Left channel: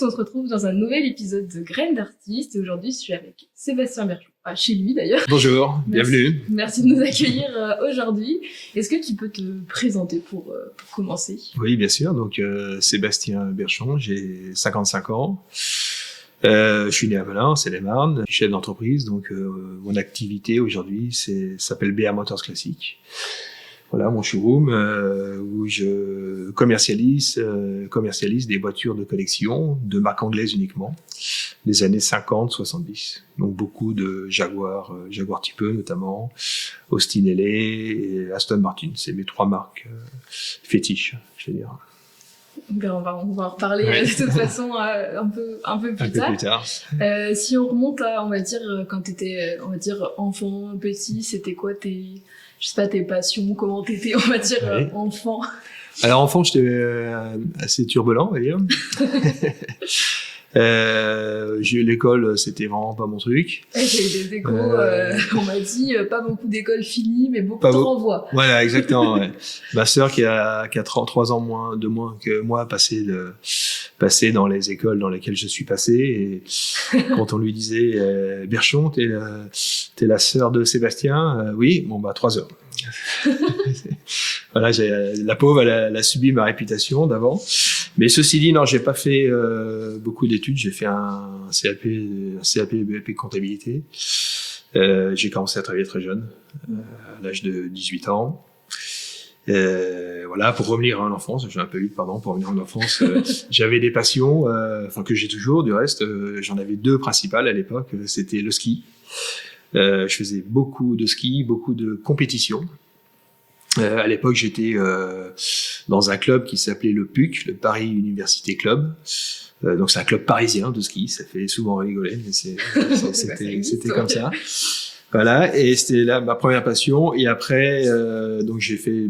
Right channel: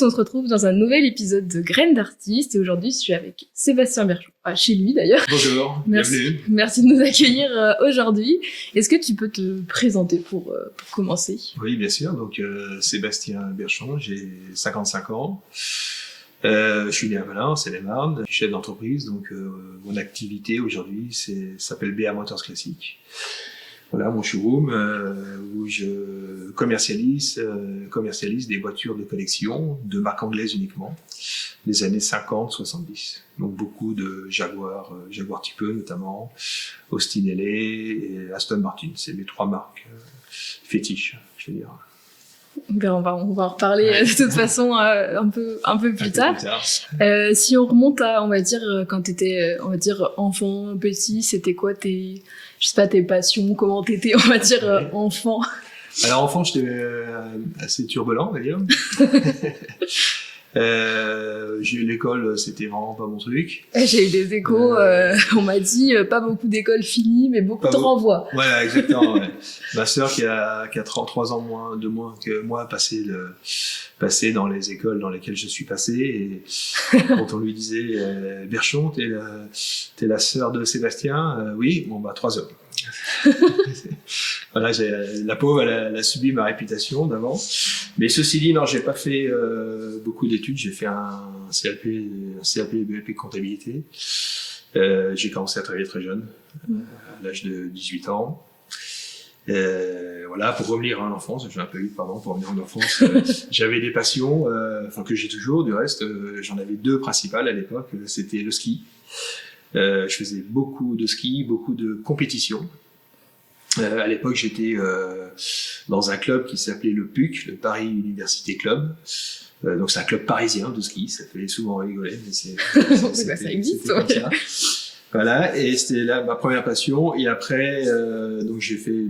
tous, on se retrouve dans un nouvel épisode de Graines d'artistes et aujourd'hui je suis avec Sébastien Berchon, chez lui d'ailleurs. Bonjour, bienvenue. Merci de nous accueillir aujourd'hui. Est-ce que tu peux te présenter pour commencer? Oui, bien sûr, donc Sébastien Berchon, j'ai 55 ans. Je suis né à Melun, Seine-et-Marne, je suis chef d'entreprise, donc mon activité aujourd'hui s'appelle BA Motors Classique. Voilà mon showroom où je commercialise des voitures de collection de marque anglaise uniquement, des années 50-70. Donc beaucoup de Jaguar Type E notamment, Austin LA et Aston Martin. C'est mes trois marques fétiches, je veux dire. Ben on va en reparler de toute façon un peu plus tard. Si on remonte à, on va dire, quand t'étais, on va dire, enfant, petit, c'était quoi tes passions, comment t'étais, on va dire, enfant? Alors enfant, j'étais assez turbulent, on va dire. J'ai eu l'école, c'était vraiment pas mon truc. J'ai eu des échos, on m'a dit pas beaucoup d'écoles finies, mais beaucoup de renvois. Voilà, exactement. Ouais. Ma sœur qui a 33 ans de moins que moi passé dans les écoles dans lesquelles je suis passé, et quand on lui disait Berchon, t'es la sœur de Sébastien, oui, bon bah 3 heures. Voilà, la pauvre, elle a subi ma réputation d'avant. Mais ceci dit, non, j'ai pas fait beaucoup d'études. J'ai fait un CAP et BEP comptabilité. J'ai commencé à travailler très jeune, à l'âge de 18 ans. Voilà, pour revenir à l'enfance, j'ai un peu eu, pardon, pour revenir à l'enfance, j'avais des passions, que j'ai toujours, du reste, j'en avais 2 principales à l'époque, c'était le ski. Je faisais beaucoup de ski, beaucoup de compétitions. À l'époque, j'étais dans un club qui s'appelait le PUC, le Paris Université Club. Donc c'est un club parisien de ski, ça fait souvent rigoler, mais c'était comme ça. Voilà, et c'était là ma première passion. Et après, donc j'ai fait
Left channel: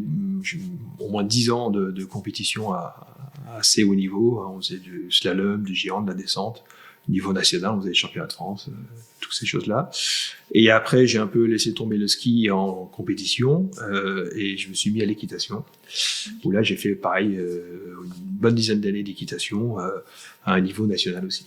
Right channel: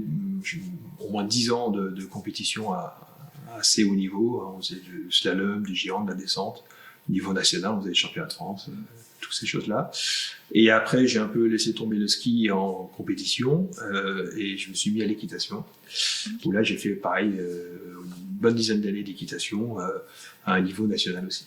au moins 10 ans de compétition à assez haut niveau. On faisait du slalom, du giron, de la descente. Au niveau national, on faisait les championnats de France, toutes ces choses-là. Et après, j'ai un peu laissé tomber le ski en compétition et je me suis mis à l'équitation. Où là, j'ai fait pareil, une bonne dizaine d'années d'équitation à un niveau national aussi.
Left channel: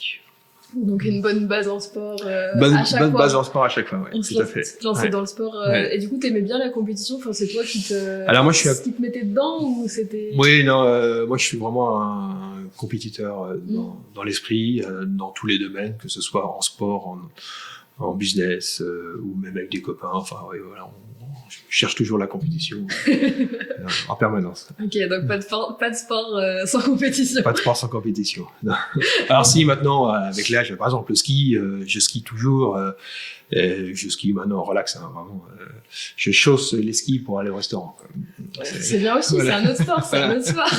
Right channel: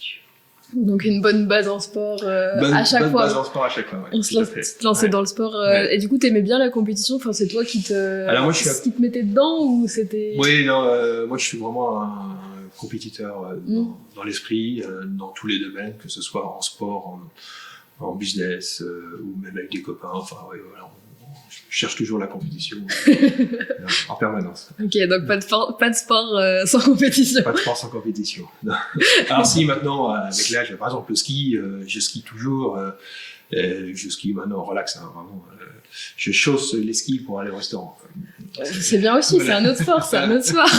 Donc une bonne base en sport à chaque fois. Bonne base en sport à chaque fois, ouais. On se lançait dans le sport. Et du coup, t'aimais bien la compétition? Enfin, c'est toi qui te mettais dedans ou c'était... Oui, non, moi je suis vraiment un compétiteur dans l'esprit, dans tous les domaines, que ce soit en sport, en business ou même avec des copains. Enfin, ouais, voilà, je cherche toujours la compétition en permanence. Ok, donc pas de sport sans compétition. Pas de sport sans compétition. Non. Alors si maintenant, avec l'âge, par exemple le ski, je skie toujours. Je skie maintenant relax, hein, vraiment. Je chausse les skis pour aller au restaurant. C'est bien aussi, voilà. C'est un autre sport, c'est un autre sport.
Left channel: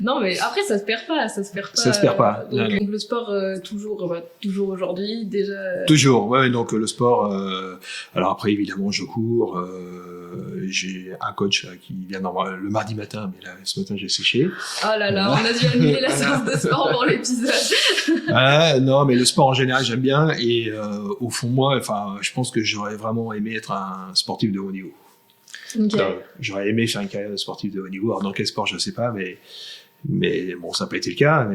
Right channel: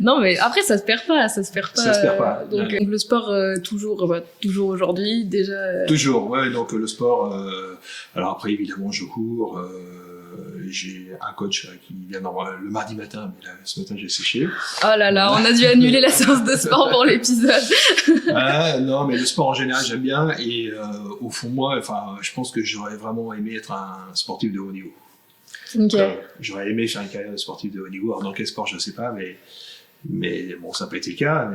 Non, mais après, ça se perd pas. Ça se perd pas. Donc, le sport, toujours aujourd'hui, déjà. Toujours, ouais, donc le sport, alors après, évidemment, je cours, j'ai un coach qui vient le mardi matin, mais là, ce matin, j'ai séché. Oh là là, on a dû annuler la séance de sport pour l'épisode. Non, mais le sport en général, j'aime bien, et au fond, moi, je pense que j'aurais vraiment aimé être un sportif de haut niveau. Okay. J'aurais aimé faire une carrière de sportif de haut niveau. Alors dans quel sport, je ne sais pas, mais bon, ça n'a pas été le cas.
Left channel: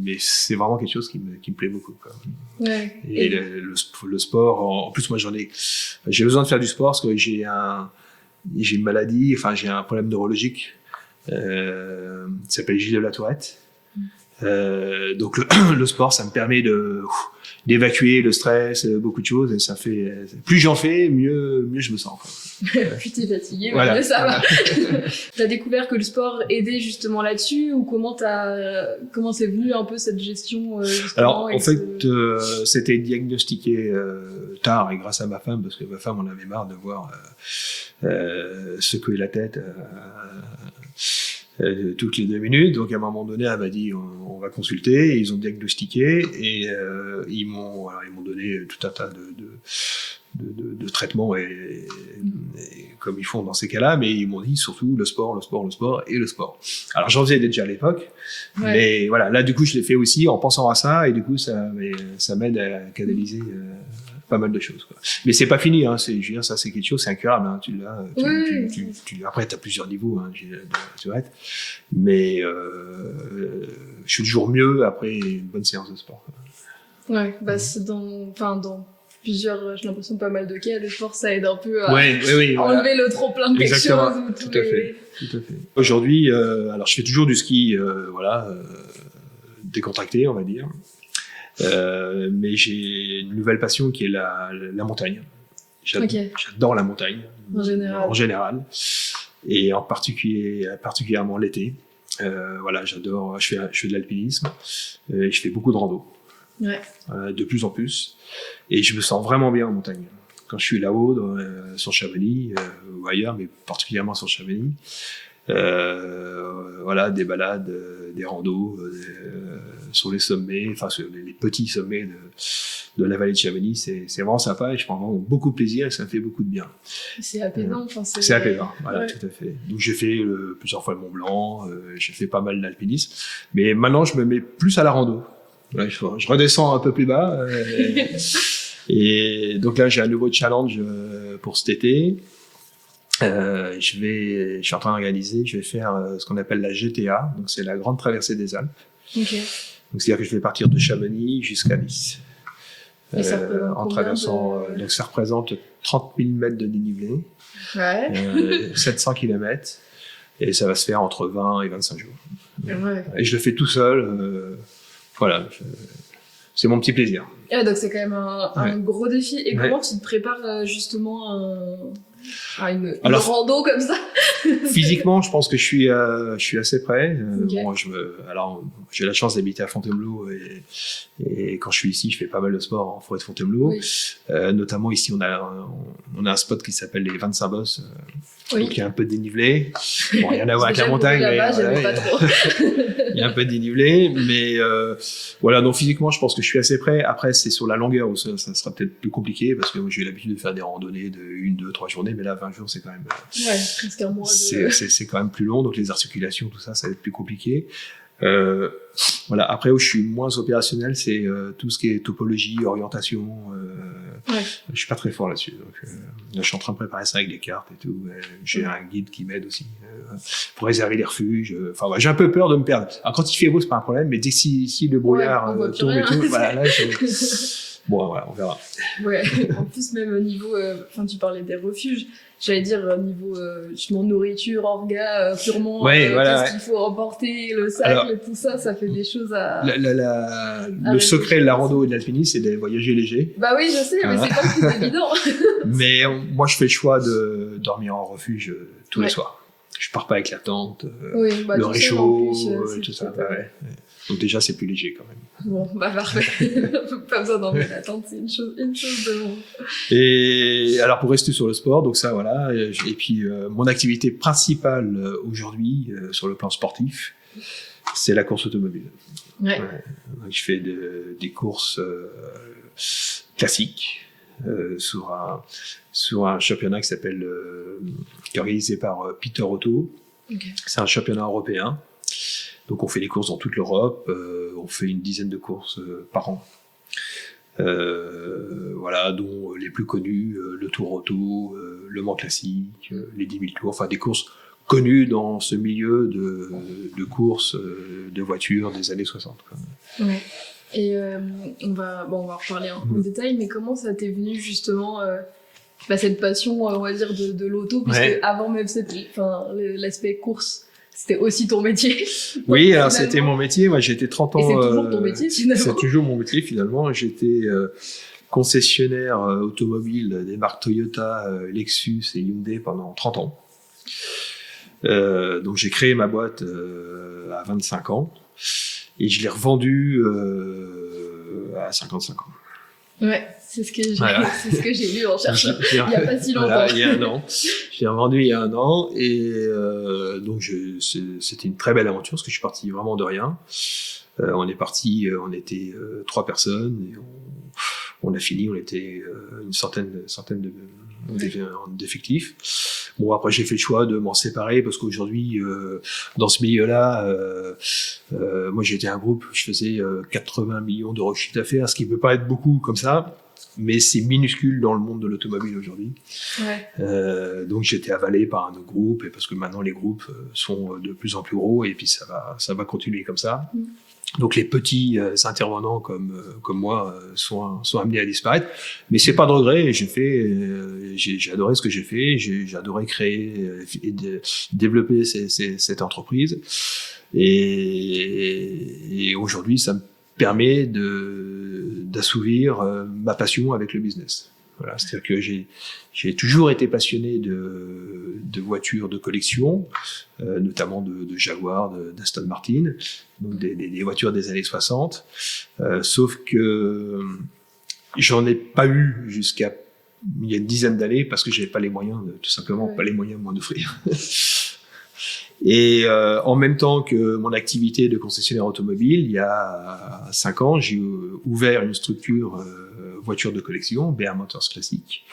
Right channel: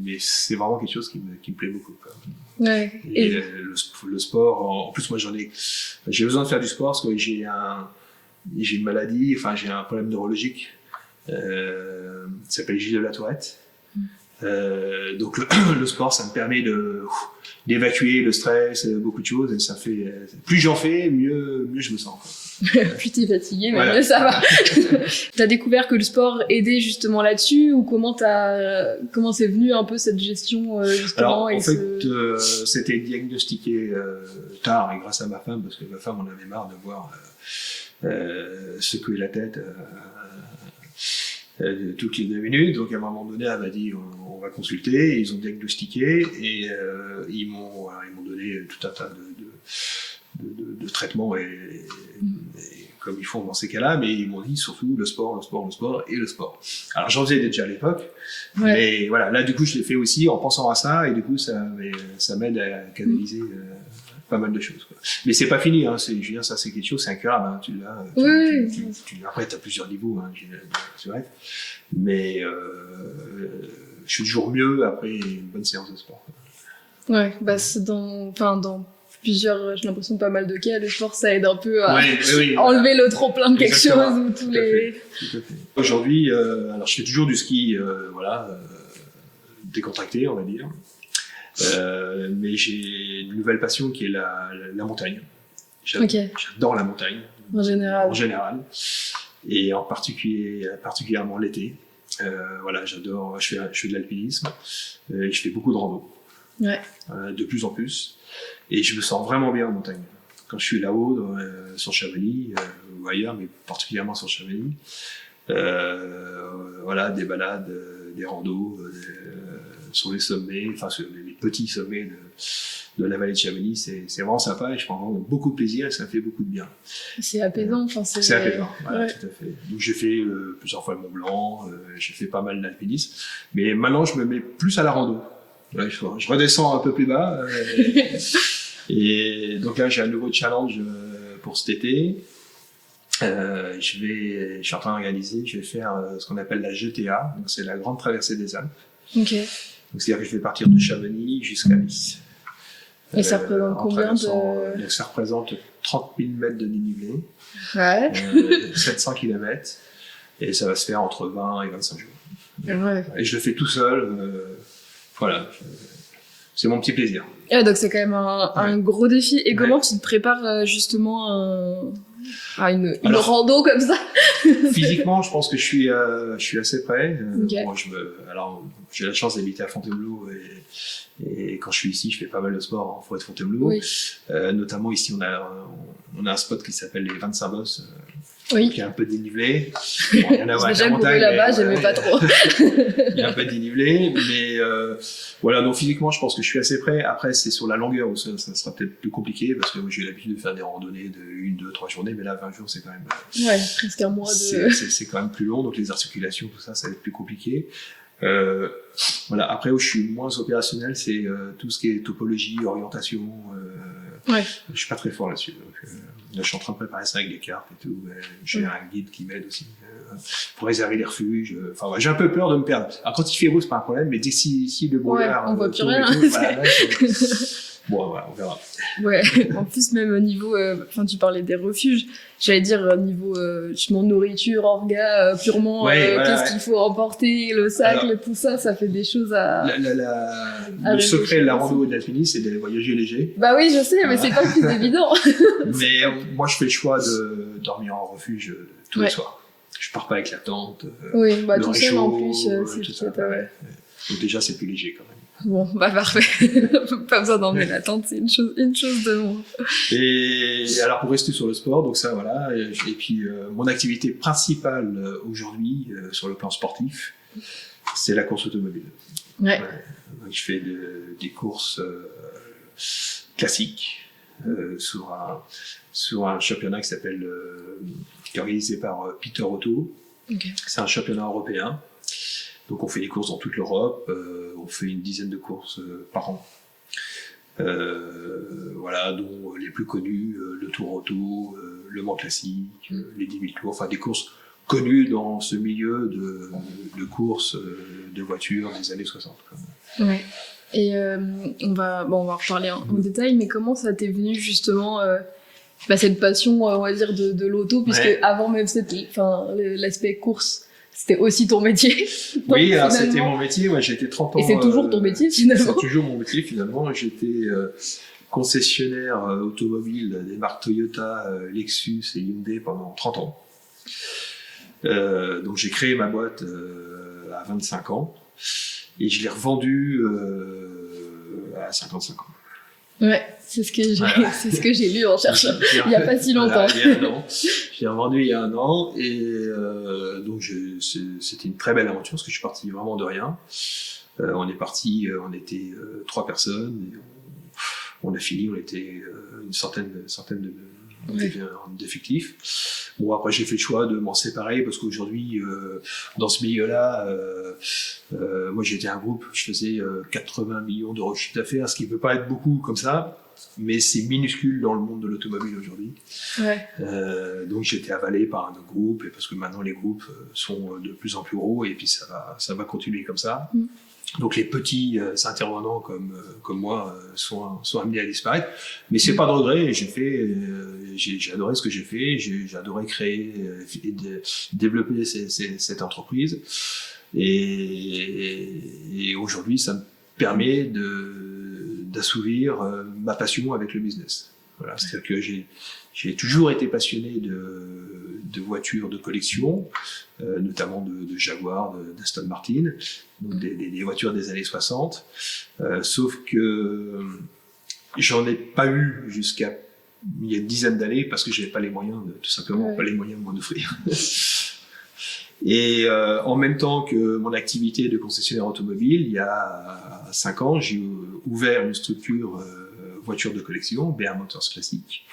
Mais c'est vraiment quelque chose qui me plaît beaucoup, quoi. Ouais. Et le sport, en plus, moi, j'ai besoin de faire du sport parce que j'ai une maladie, j'ai un problème neurologique. Ça s'appelle Gilles de la Tourette. Donc le sport, ça me permet d'évacuer le stress, beaucoup de choses, et ça fait, plus j'en fais, mieux je me sens, quoi. Plus t'es fatigué, voilà. Mieux ça va. T'as découvert que le sport aidait justement là-dessus, ou comment c'est venu un peu cette gestion justement? Alors en fait, c'était diagnostiqué tard, et grâce à ma femme, parce que ma femme en avait marre de voir secouer la tête toutes les 2 minutes. Donc à un moment donné, elle m'a dit on va consulter, et ils ont diagnostiqué, et ils m'ont donné tout un tas de traitements et comme ils font dans ces cas-là, mais ils m'ont dit surtout le sport. Alors j'en faisais déjà à l'époque, mais voilà, là du coup je l'ai fait aussi en pensant à ça, et du coup ça m'aide à canaliser pas mal de choses, quoi. Mais c'est pas fini, hein. Je veux dire, ça c'est quelque chose, c'est incurable, hein. Après t'as plusieurs niveaux, hein, mais je suis toujours mieux après une bonne séance de sport. Ouais, bah c'est dans plusieurs, j'ai l'impression pas mal de cas, le sport ça aide un peu à enlever le trop plein de quelque chose. Tout à fait. Aujourd'hui, alors je fais toujours du ski, décontracté, on va dire. Mais j'ai une nouvelle passion qui est la montagne. J'adore la montagne. En général. Et particulièrement l'été. J'adore, je fais de l'alpinisme et je fais beaucoup de rando. Ouais. De plus en plus. Et je me sens vraiment bien en montagne. Quand je suis là-haut, sur Chamonix, ou ailleurs, mais particulièrement sur Chamonix, des balades, des randos, sur les sommets, enfin sur les petits sommets de la vallée de Chamonix, c'est vraiment sympa et je prends vraiment beaucoup de plaisir et ça me fait beaucoup de bien. C'est apaisant. C'est apaisant, voilà, tout à fait. Donc j'ai fait plusieurs fois le Mont Blanc, j'ai fait pas mal d'alpinisme, mais maintenant je me mets plus à la rando. Ouais, je redescends un peu plus bas. Et donc là, j'ai un nouveau challenge pour cet été. Je suis en train d'organiser, je vais faire ce qu'on appelle la GTA, donc c'est la grande traversée des Alpes. Okay. Donc c'est-à-dire que je vais partir de Chamonix jusqu'à Nice. Et ça représente combien donc ça représente 30 000 mètres de dénivelé, 700 km, et ça va se faire entre 20 et 25 jours. Ouais. Et je le fais tout seul. C'est mon petit plaisir. Ah, donc c'est quand même un gros défi. Et comment tu te prépares justement à une rando comme ça? Physiquement, je pense que je suis assez prêt. Okay. J'ai la chance d'habiter à Fontainebleau et quand je suis ici, je fais pas mal de sport en forêt de Fontainebleau. Oui. Notamment ici, on a un spot qui s'appelle les 25 Bosses. Oui. Donc il y a un peu de dénivelé. Bon, rien à voir avec la montagne. Là-bas, j'aimais pas trop. Il y a un peu de dénivelé, mais donc physiquement, je pense que je suis assez prêt. Après, c'est sur la longueur où ça sera peut-être plus compliqué parce que j'ai l'habitude de faire des randonnées de 1, 2, 3 journées, mais là, 20 jours, c'est quand même. Ouais, presque un mois de. C'est quand même plus long, donc les articulations, tout ça, ça va être plus compliqué. Après, où je suis moins opérationnel, c'est tout ce qui est topologie, orientation. Je suis pas très fort là-dessus. Donc, je suis en train de préparer ça avec des cartes et tout. J'ai un guide qui m'aide aussi pour réserver des refuges. J'ai un peu peur de me perdre. Alors, quand il fait beau, c'est pas un problème, mais dès si le brouillard, on voit plus rien. On verra. Ouais. En plus, même au niveau, tu parlais des refuges. J'allais dire niveau nourriture, orga, purement. Qu'est-ce qu'il faut emporter, le sac, tout ça, ça fait des choses à. Le secret de la rando et de l'alpinisme, c'est de voyager léger. Bah oui, je sais, mais c'est pas plus évident. Mais moi, je fais le choix de dormir en refuge tous les soirs. Je pars pas avec la tente, le réchaud, en plus, tout ça. Donc déjà, c'est plus léger quand même. Bon, bah parfait. Pas besoin d'emmener la tente, c'est une chose de moins. Et alors pour rester sur le sport, donc ça voilà. Et puis mon activité principale aujourd'hui sur le plan sportif, c'est la course automobile. Ouais. Je fais des courses classiques sur un championnat qui est organisé par Peter Auto. Okay. C'est un championnat européen. Donc on fait des courses dans toute l'Europe, on fait une dizaine de courses par an. Dont les plus connus, le Tour Auto, le Mans Classique, les 10 000 tours, enfin des courses connues dans ce milieu de courses de voitures des années 60. Ouais. Et on va en reparler en détail, mais comment ça t'est venu justement cette passion, on va dire, de l'auto, puisque avant même l'aspect course, c'était aussi ton métier. Oui, alors c'était mon métier. Moi, j'ai été 30 ans. Et c'est toujours ton métier, finalement. C'est toujours mon métier, finalement. J'étais concessionnaire automobile des marques Toyota, Lexus et Hyundai pendant 30 ans. Donc, j'ai créé ma boîte à 25 ans et je l'ai revendue à 55 ans. Ouais, c'est ce que j'ai lu en cherchant il n'y a pas si longtemps. Il y a un an. Je l'ai revendu il y a un an et donc c'était une très belle aventure parce que je suis parti vraiment de rien. On est parti, on était 3 personnes et on a fini, on était une centaine d'effectifs. Bon, après j'ai fait le choix de m'en séparer parce qu'aujourd'hui dans ce milieu-là, moi j'étais un groupe, je faisais 80 millions d'euros de chiffre d'affaires, ce qui peut pas être beaucoup comme ça, mais c'est minuscule dans le monde de l'automobile aujourd'hui. Ouais. Donc j'ai été avalé par un autre groupe, et parce que maintenant les groupes sont de plus en plus gros et puis ça va continuer comme ça. Donc les petits intervenants comme moi sont amenés à disparaître, mais c'est pas de regret. J'ai adoré ce que j'ai fait, j'ai adoré créer et développer cette entreprise, et aujourd'hui ça me permet d'assouvir ma passion avec le business. Voilà, c'est-à-dire que j'ai toujours été passionné de voitures de collection, notamment de Jaguar, d'Aston Martin, donc des voitures des années 60. Sauf que j'en ai pas eu jusqu'à il y a une dizaine d'années parce que j'avais pas les moyens, tout simplement pas les moyens de m'en offrir. Et en même temps que mon activité de concessionnaire automobile, il y a 5 ans, j'ai ouvert une structure voiture de collection, BR Motors Classique,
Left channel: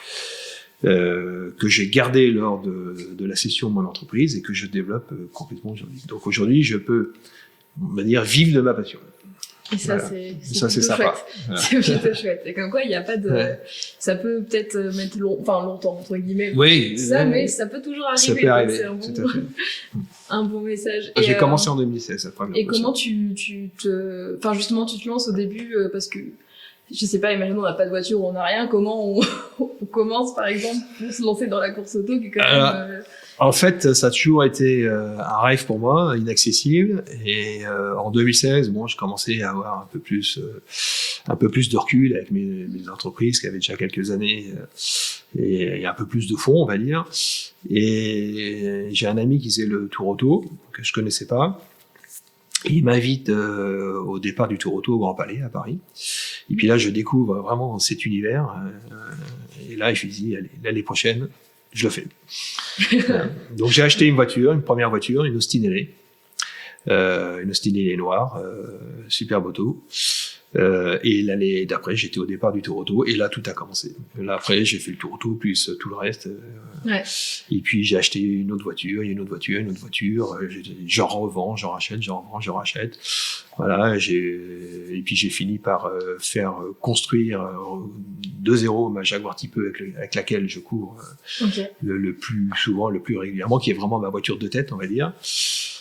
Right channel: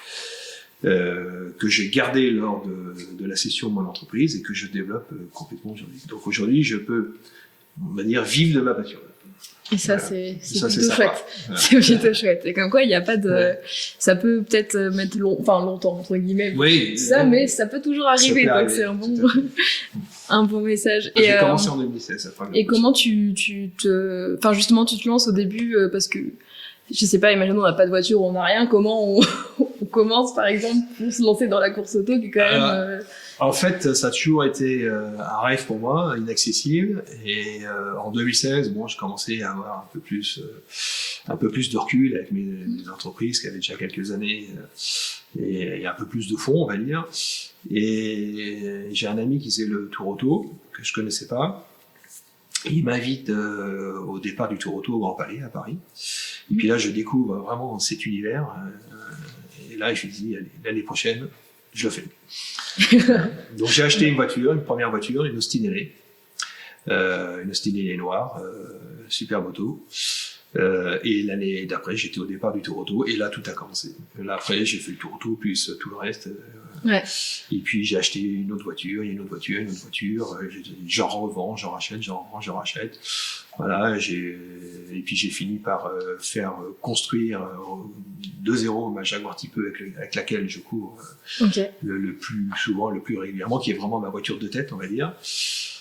que j'ai gardé lors de la cession de mon entreprise et que je développe complètement aujourd'hui. Donc aujourd'hui, je peux, on va dire, vivre de ma passion. Et ça, voilà. C'est plutôt chouette. Voilà. C'est plutôt chouette. Et comme quoi, il n'y a pas de... Ça peut peut-être mettre longtemps, entre guillemets. Oui. Mais ça peut toujours arriver. Donc c'est un bon message. J'ai commencé en 2016. Et comment tu justement, tu te lances au début parce que, je sais pas, imaginons on n'a pas de voiture, on n'a rien. Comment on commence, par exemple, pour se lancer dans la course auto qui est quand même... En fait, ça a toujours été un rêve pour moi, inaccessible. Et en 2016, je commençais à avoir un peu plus de recul avec mes entreprises qui avaient déjà quelques années et un peu plus de fonds, on va dire. Et j'ai un ami qui faisait le Tour Auto que je connaissais pas. Il m'invite au départ du Tour Auto au Grand Palais à Paris. Et puis là, je découvre vraiment cet univers. Et là, je me dis, allez, l'année prochaine, je le fais. Donc j'ai acheté une première voiture, une Austin LA. Une Austin LA noire, superbe auto. Et l'année d'après, j'étais au départ du Tour Auto, et là, tout a commencé. Et là, après, j'ai fait le Tour Auto, plus tout le reste. Ouais. Et puis, j'ai acheté une autre voiture, une autre voiture. J'en revends, j'en rachète, j'en revends, j'en rachète. Voilà, et puis j'ai fini par faire construire de zéro ma Jaguar Type E avec laquelle je cours le plus souvent, le plus régulièrement, qui est vraiment ma voiture de tête, on va dire,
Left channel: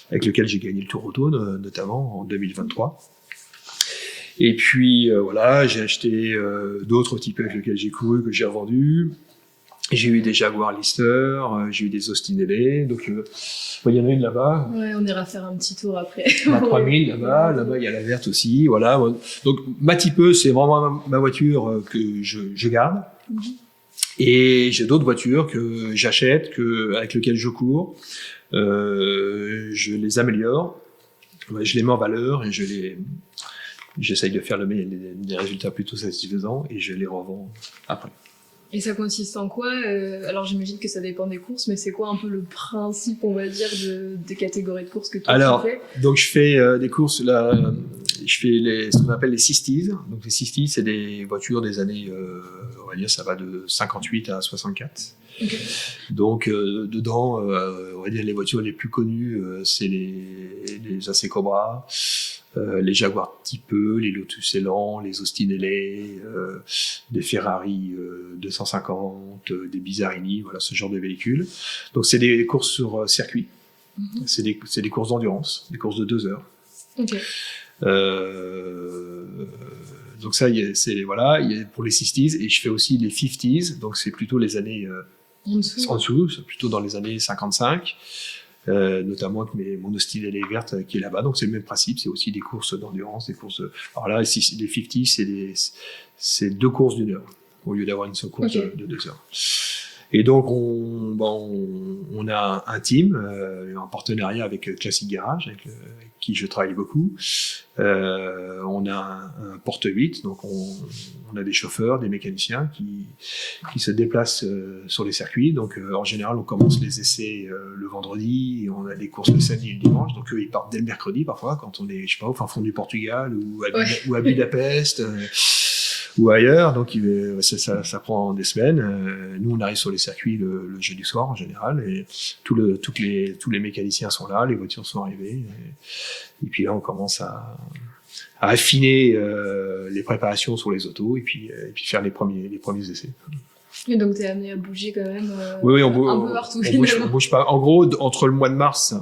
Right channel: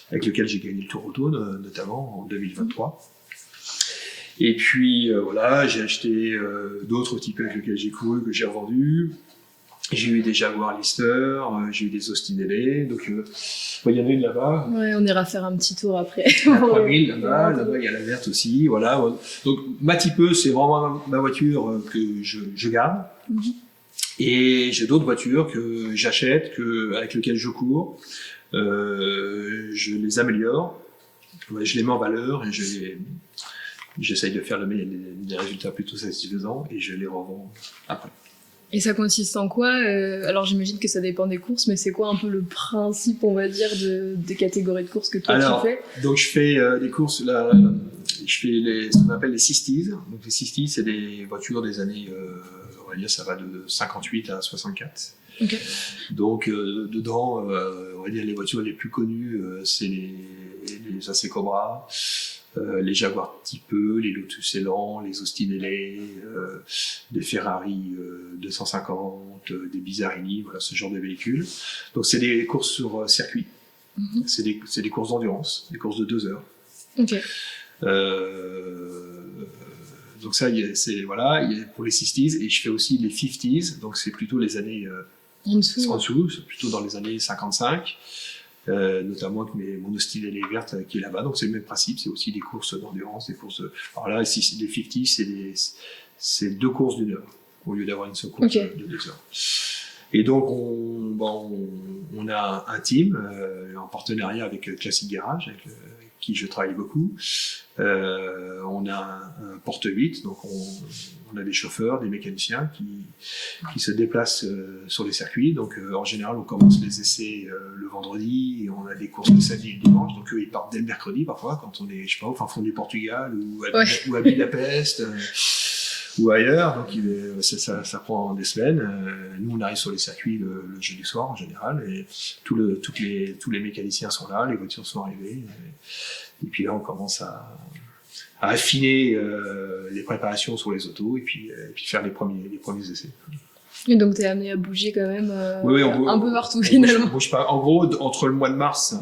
avec lequel j'ai gagné le Tour Auto, notamment en 2023. Et puis voilà, j'ai acheté d'autres types avec lesquels j'ai couru, que j'ai revendus. J'ai eu des Jaguar Lister, j'ai eu des Austin LA, donc il y en a une là-bas. Ouais, on ira faire un petit tour après. La 3000 là-bas il y a la verte aussi, voilà. Donc ma Type E, c'est vraiment ma voiture que je garde. Mm-hmm. Et j'ai d'autres voitures que j'achète, avec lesquelles je cours. Je les améliore, je les mets en valeur et j'essaye de faire des résultats plutôt satisfaisants et je les revends après. Et ça consiste en quoi alors j'imagine que ça dépend des courses, mais c'est quoi un peu le principe, on va dire, des catégories de courses que toi tu fais? Donc je fais des courses là, je fais ce qu'on appelle les 60s. Donc les 60s, c'est des voitures des années, on va dire, ça va de 58 à 64. Okay. Donc dedans, on va dire les voitures les plus connues, c'est les AC Cobra, les Jaguar Type E, les Lotus Elan, les Austin LA, des Ferrari 250, des Bizarini, voilà, ce genre de véhicules. Donc c'est des courses sur circuit. Mm-hmm. C'est des courses d'endurance, des courses de 2 heures. Okay. Donc ça, c'est voilà, pour les 60s, et je fais aussi les 50s, donc c'est plutôt les années en dessous, c'est plutôt dans les années 55. Notamment avec mon Austin LA verte qui est là-bas, donc c'est le même principe, c'est aussi des courses d'endurance, des courses. Alors là, les 50, c'est 2 courses d'1 heure au lieu d'avoir une seule course de 2 heures. Et donc on a un team en partenariat avec Classic Garage, avec qui je travaille beaucoup. On a un porte-8, donc on a des chauffeurs, des mécaniciens qui se déplacent sur les circuits. Donc en général, on commence les essais le vendredi, et on a des courses le samedi et le dimanche. Donc eux, ils partent dès le mercredi parfois, quand on est, je sais pas, au fin fond du Portugal ou à Budapest. Ou ailleurs, donc ça prend des semaines. Nous, on arrive sur les circuits le jeudi soir en général, et tous les mécaniciens sont là, les voitures sont arrivées, et puis là on commence à affiner les préparations sur les autos, et puis faire les premiers essais. Et donc t'es amené à bouger quand même oui, un peu partout on bouge pas. En gros, entre le mois de mars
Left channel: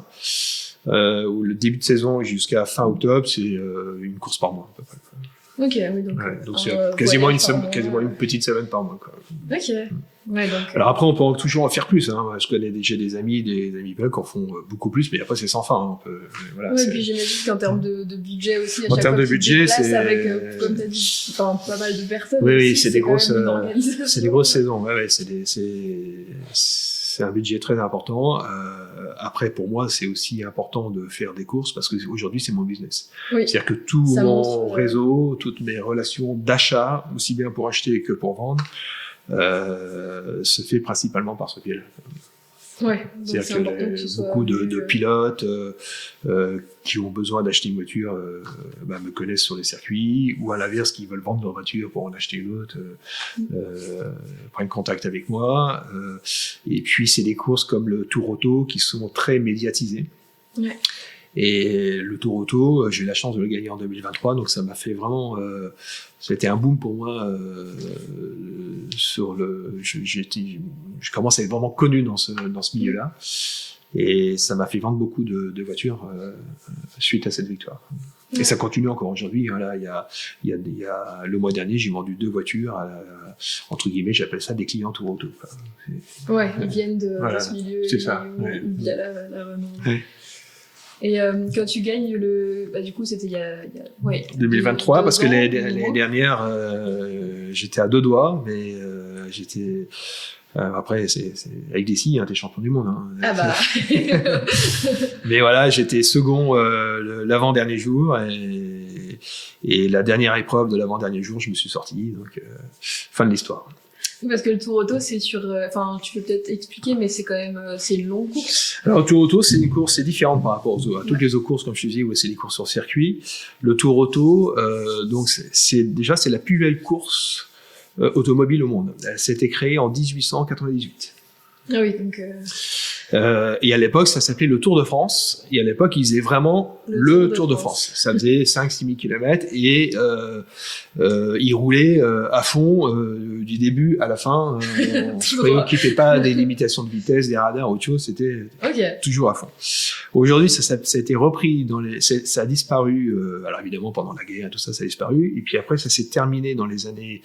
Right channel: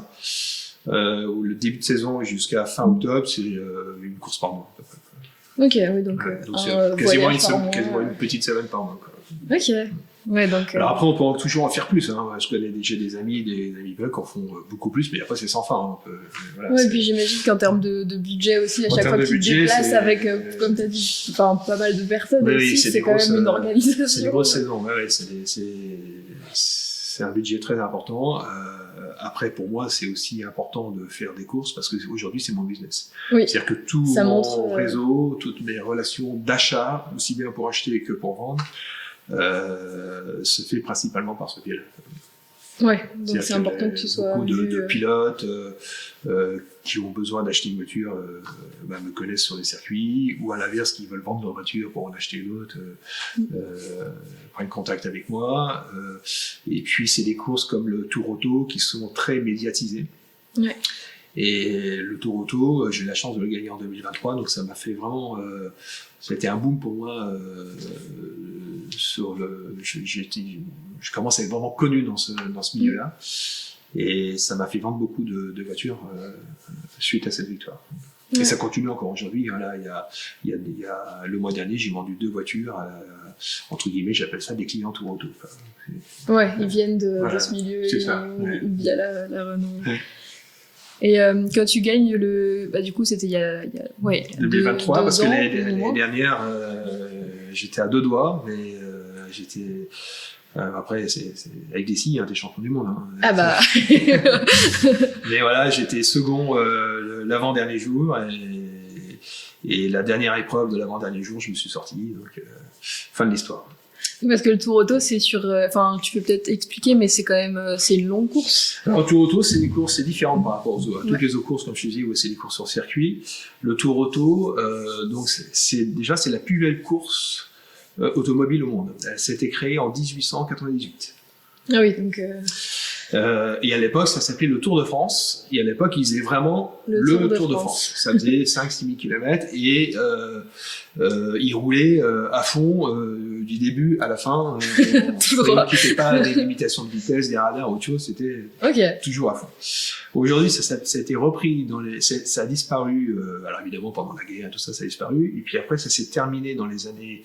où le début de saison jusqu'à fin octobre, c'est une course par mois. Ok, oui, donc c'est quasiment une petite semaine par mois. Quoi. Ok. Ouais, donc, alors après, on peut toujours en faire plus. Hein. Je connais déjà des amis qui en font beaucoup plus, mais après, c'est sans fin. Hein. Voilà, ouais, et puis j'imagine qu'en termes de budget aussi, à chaque fois que tu te déplaces avec, comme tu as dit, pas mal de personnes, oui, aussi, c'est quand même une organisation. C'est des grosses saisons. Ouais, c'est un budget très important. Après, pour moi, c'est aussi important de faire des courses parce qu'aujourd'hui, c'est mon business. Oui. C'est-à-dire que tout mon réseau, toutes mes relations d'achat, aussi bien pour acheter que pour vendre, se fait principalement par ce biais-là. Ouais, donc c'est important que ce soit. Beaucoup de pilotes qui ont besoin d'acheter une voiture me connaissent sur les circuits, ou à l'inverse, qui veulent vendre leur voiture pour en acheter une autre, prennent contact avec moi. Et puis, c'est des courses comme le Tour Auto qui sont très médiatisées. Ouais. Et le Tour Auto, j'ai eu la chance de le gagner en 2023, donc ça m'a fait vraiment... c'était un boom pour moi. Je commence à être vraiment connu dans ce milieu-là. Et ça m'a fait vendre beaucoup de voitures suite à cette victoire. Et ça continue encore aujourd'hui. Hein, là, il y a le mois dernier, j'ai vendu 2 voitures, entre guillemets, j'appelle ça des clients Tour Auto. Ouais, ils viennent de ce milieu via la Renault. Ouais. Et quand tu gagnes du coup, c'était il y a 2023, parce que l'année dernière, j'étais à 2 doigts, mais j'étais... après, c'est avec des scies, hein, t'es champion du monde. Hein. Ah bah. Mais voilà, j'étais second l'avant-dernier jour, et la dernière épreuve de l'avant-dernier jour, je me suis sorti. Donc, fin de l'histoire. Parce que le Tour Auto, c'est sur... tu peux peut-être expliquer, mais c'est quand même... c'est une longue course. Alors, le Tour Auto, c'est des courses, c'est différent par rapport à toutes les autres courses, comme je te disais, où c'est des courses sur circuit. Le Tour Auto, donc, c'est la plus belle course automobile au monde. Elle s'était créée en 1898. Ah oui, donc... et à l'époque, ça s'appelait le Tour de France. Et à l'époque, ils faisaient vraiment le Tour de France. Ça faisait 5-6 000 km et ils roulaient à fond du début à la fin. Ils n'équipaient pas des limitations de vitesse, des radars, autre chose. C'était toujours à fond. Aujourd'hui, ça a été repris ça a disparu. Alors évidemment, pendant la guerre, tout ça, ça a disparu. Et puis après, ça s'est terminé dans les années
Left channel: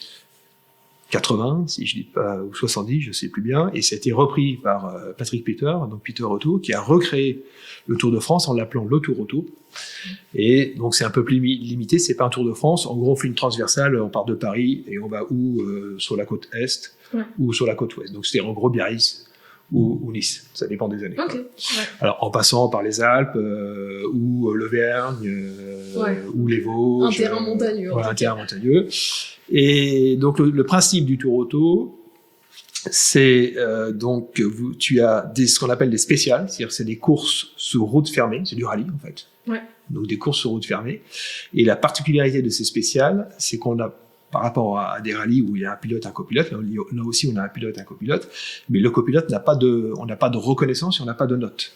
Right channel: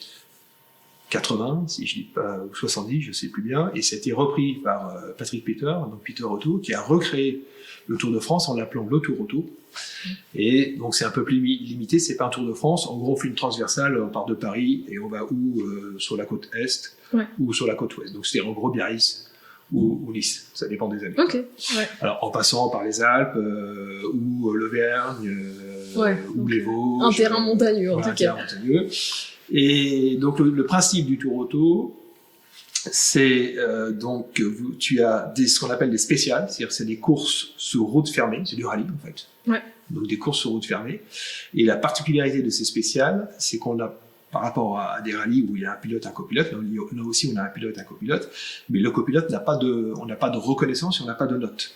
80, si je dis pas, ou 70, je sais plus bien, et ça a été repris par Patrick Peter, donc Peter Auto, qui a recréé le Tour de France en l'appelant le Tour Auto. Et donc c'est un peu plus limité, c'est pas un Tour de France. En gros, on fait une transversale, on part de Paris et on va sur la côte est ou sur la côte ouest. Donc c'était en gros Biarritz ou Nice, ça dépend des années. Okay. Ouais. Alors en passant par les Alpes ou l'Auvergne ou les Vosges. Un terrain montagneux, en tout cas. Un terrain montagneux. Et donc le principe du Tour Auto, c'est tu as ce qu'on appelle des spéciales, c'est-à-dire c'est des courses sur route fermée, c'est du rallye en fait. Ouais. Donc des courses sur route fermée. Et la particularité de ces spéciales, c'est qu'on a, par rapport à des rallyes où il y a un pilote, un copilote, là aussi on a un pilote, un copilote, mais le copilote on n'a pas de reconnaissance et on n'a pas de notes.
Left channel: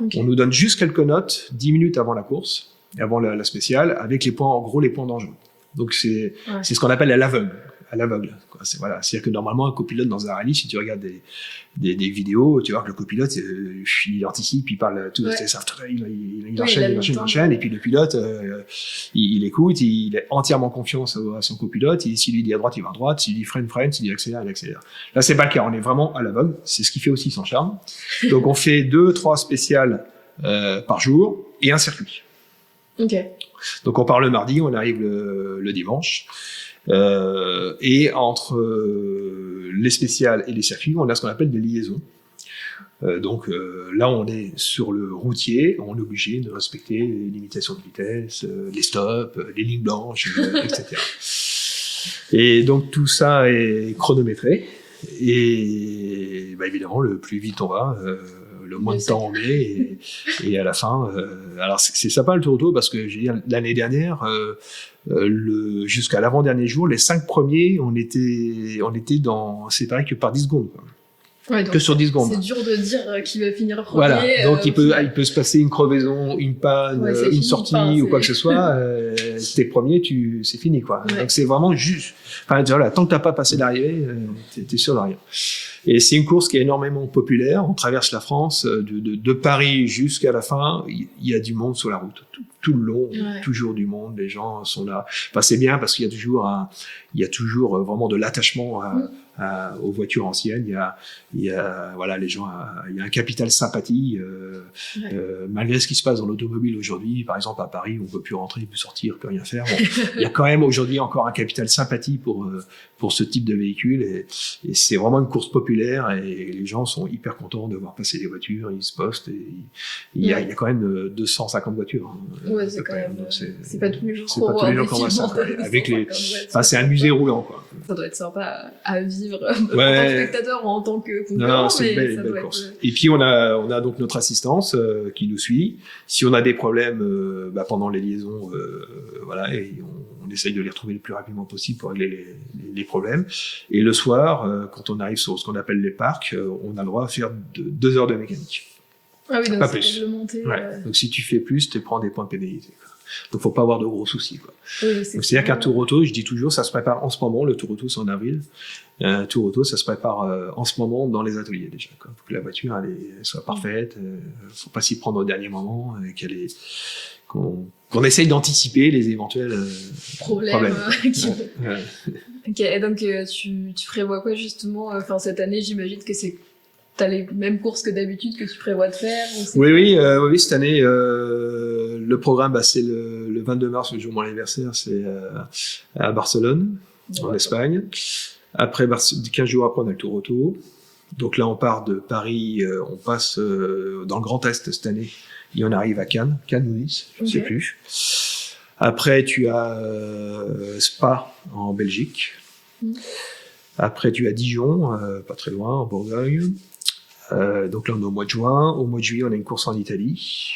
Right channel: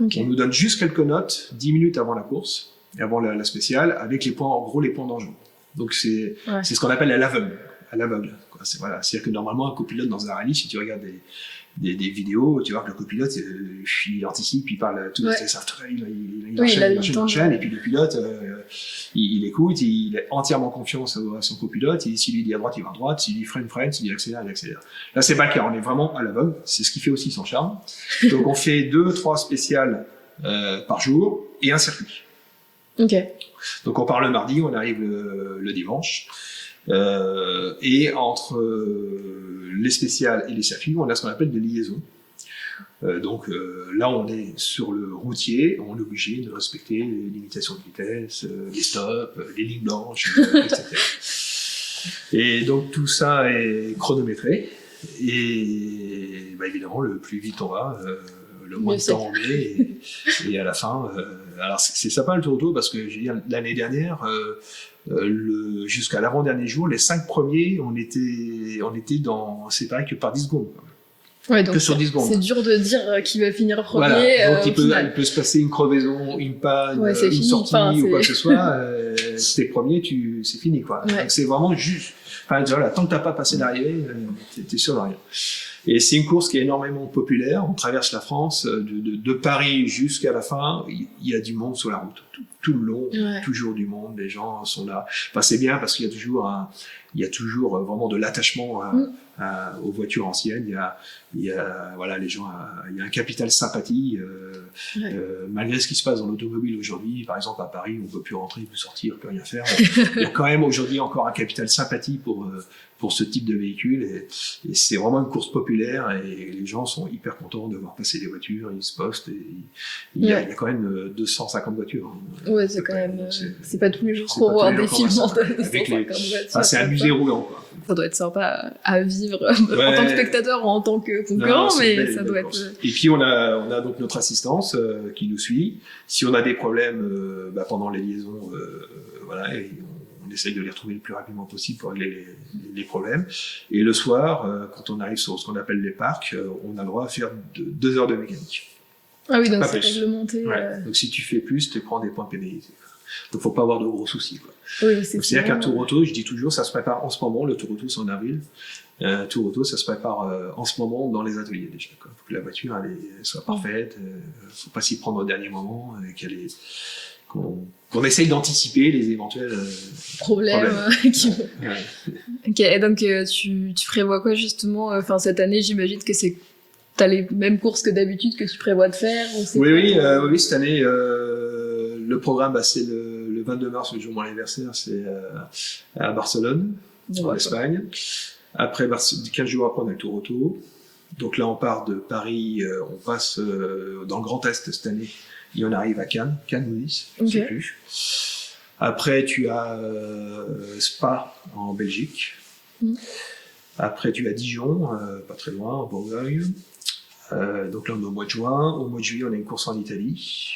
Okay. On nous donne juste quelques notes 10 minutes avant la course, avant la spéciale, avec les points dangereux. Donc c'est ce qu'on appelle à l'aveugle. C'est-à-dire que normalement un copilote dans un rallye, si tu regardes des vidéos, tu vois que le copilote il anticipe, il parle tout, il enchaîne, et puis le pilote il écoute, il a entièrement confiance à son copilote, s'il lui dit à droite, il va à droite, s'il dit freine, s'il dit accélère, il accélère. Là c'est pas le cas, on est vraiment à l'aveugle, c'est ce qui fait aussi son charme. Donc on fait 2-3 spéciales par jour et un circuit. Ok. Donc on part le mardi, on arrive le dimanche. Et entre les spéciales et les circuits, on a ce qu'on appelle des liaisons. Donc là, on est sur le routier, on est obligé de respecter les limitations de vitesse, les stops, les lignes blanches, etc. Et donc tout ça est chronométré. Et évidemment, le plus vite on va, le moins de temps on met. Et à la fin, alors c'est sympa le Tour Auto parce que l'année dernière, jusqu'à l'avant-dernier jour, les 5 premiers, on était séparés que par 10 secondes. Ouais, donc que sur 10 secondes. C'est dur de dire qui va finir premier. Voilà. Donc il peut se passer une crevaison, une panne, une sortie ou quoi que ce soit. T'es premier, c'est fini quoi. Ouais. Donc c'est vraiment juste. Enfin, voilà, tant que t'as pas passé l'arrivée, t'es sûr d'arriver. Et c'est une course qui est énormément populaire. On traverse la France de Paris jusqu'à la fin. Il y a du monde sur la route tout le long. Il y a toujours du monde. Les gens sont là. Enfin, c'est bien parce qu'il y a toujours vraiment de l'attachement aux voitures anciennes. Il y a voilà les gens. Il y a un capital sympathie. Malgré ce qui se passe dans l'automobile aujourd'hui, par exemple à Paris, on peut plus rentrer, plus sortir, plus rien faire. Il y a quand même aujourd'hui encore un capital sympathie pour ce type de véhicule et c'est vraiment une course populaire et les gens sont hyper contents de voir passer les voitures, ils se postent et il y a quand même 250 voitures. Ouais, c'est quand même c'est pas tous les jours qu'on voit des films avec c'est un musée roulant quoi. Ça doit être sympa à vivre en tant que spectateur ou en tant que concurrent, mais ça doit être. Et puis on a donc notre assistance qui nous suit. Si on a des problèmes pendant les liaisons, voilà, et on essaye de les retrouver le plus rapidement possible pour régler les problèmes. Et le soir, quand on arrive sur ce qu'on appelle les parcs, on a le droit à faire 2 heures de mécanique. Ah oui, donc c'est réglementé. Donc si tu fais plus, tu prends des points de pénalité. Donc faut pas avoir de gros soucis quoi. Oui, c'est-à-dire qu'un tour auto, je dis toujours, ça se prépare en ce moment. Le tour auto c'est en avril. Un tour auto, ça se prépare en ce moment dans les ateliers déjà. Il faut que la voiture elle soit parfaite. Faut pas s'y prendre au dernier moment. Qu'on essaye d'anticiper les éventuels problèmes. Ok, et donc tu prévois quoi justement cette année, j'imagine que t'as les mêmes courses que d'habitude que tu prévois de faire Oui, cette année, le programme, c'est le 22 mars, le jour de mon anniversaire, c'est à Barcelone, en Espagne. Après, 15 jours après, on a le Tour Auto. Donc là, on part de Paris, on passe dans le Grand Est cette année, et on arrive à Cannes ou Nice, je ne sais plus. Après, tu as Spa en Belgique. Après, tu as Dijon, pas très loin, en Bourgogne. Donc là, on est au mois de juin. Au mois de juillet, on a une course en Italie.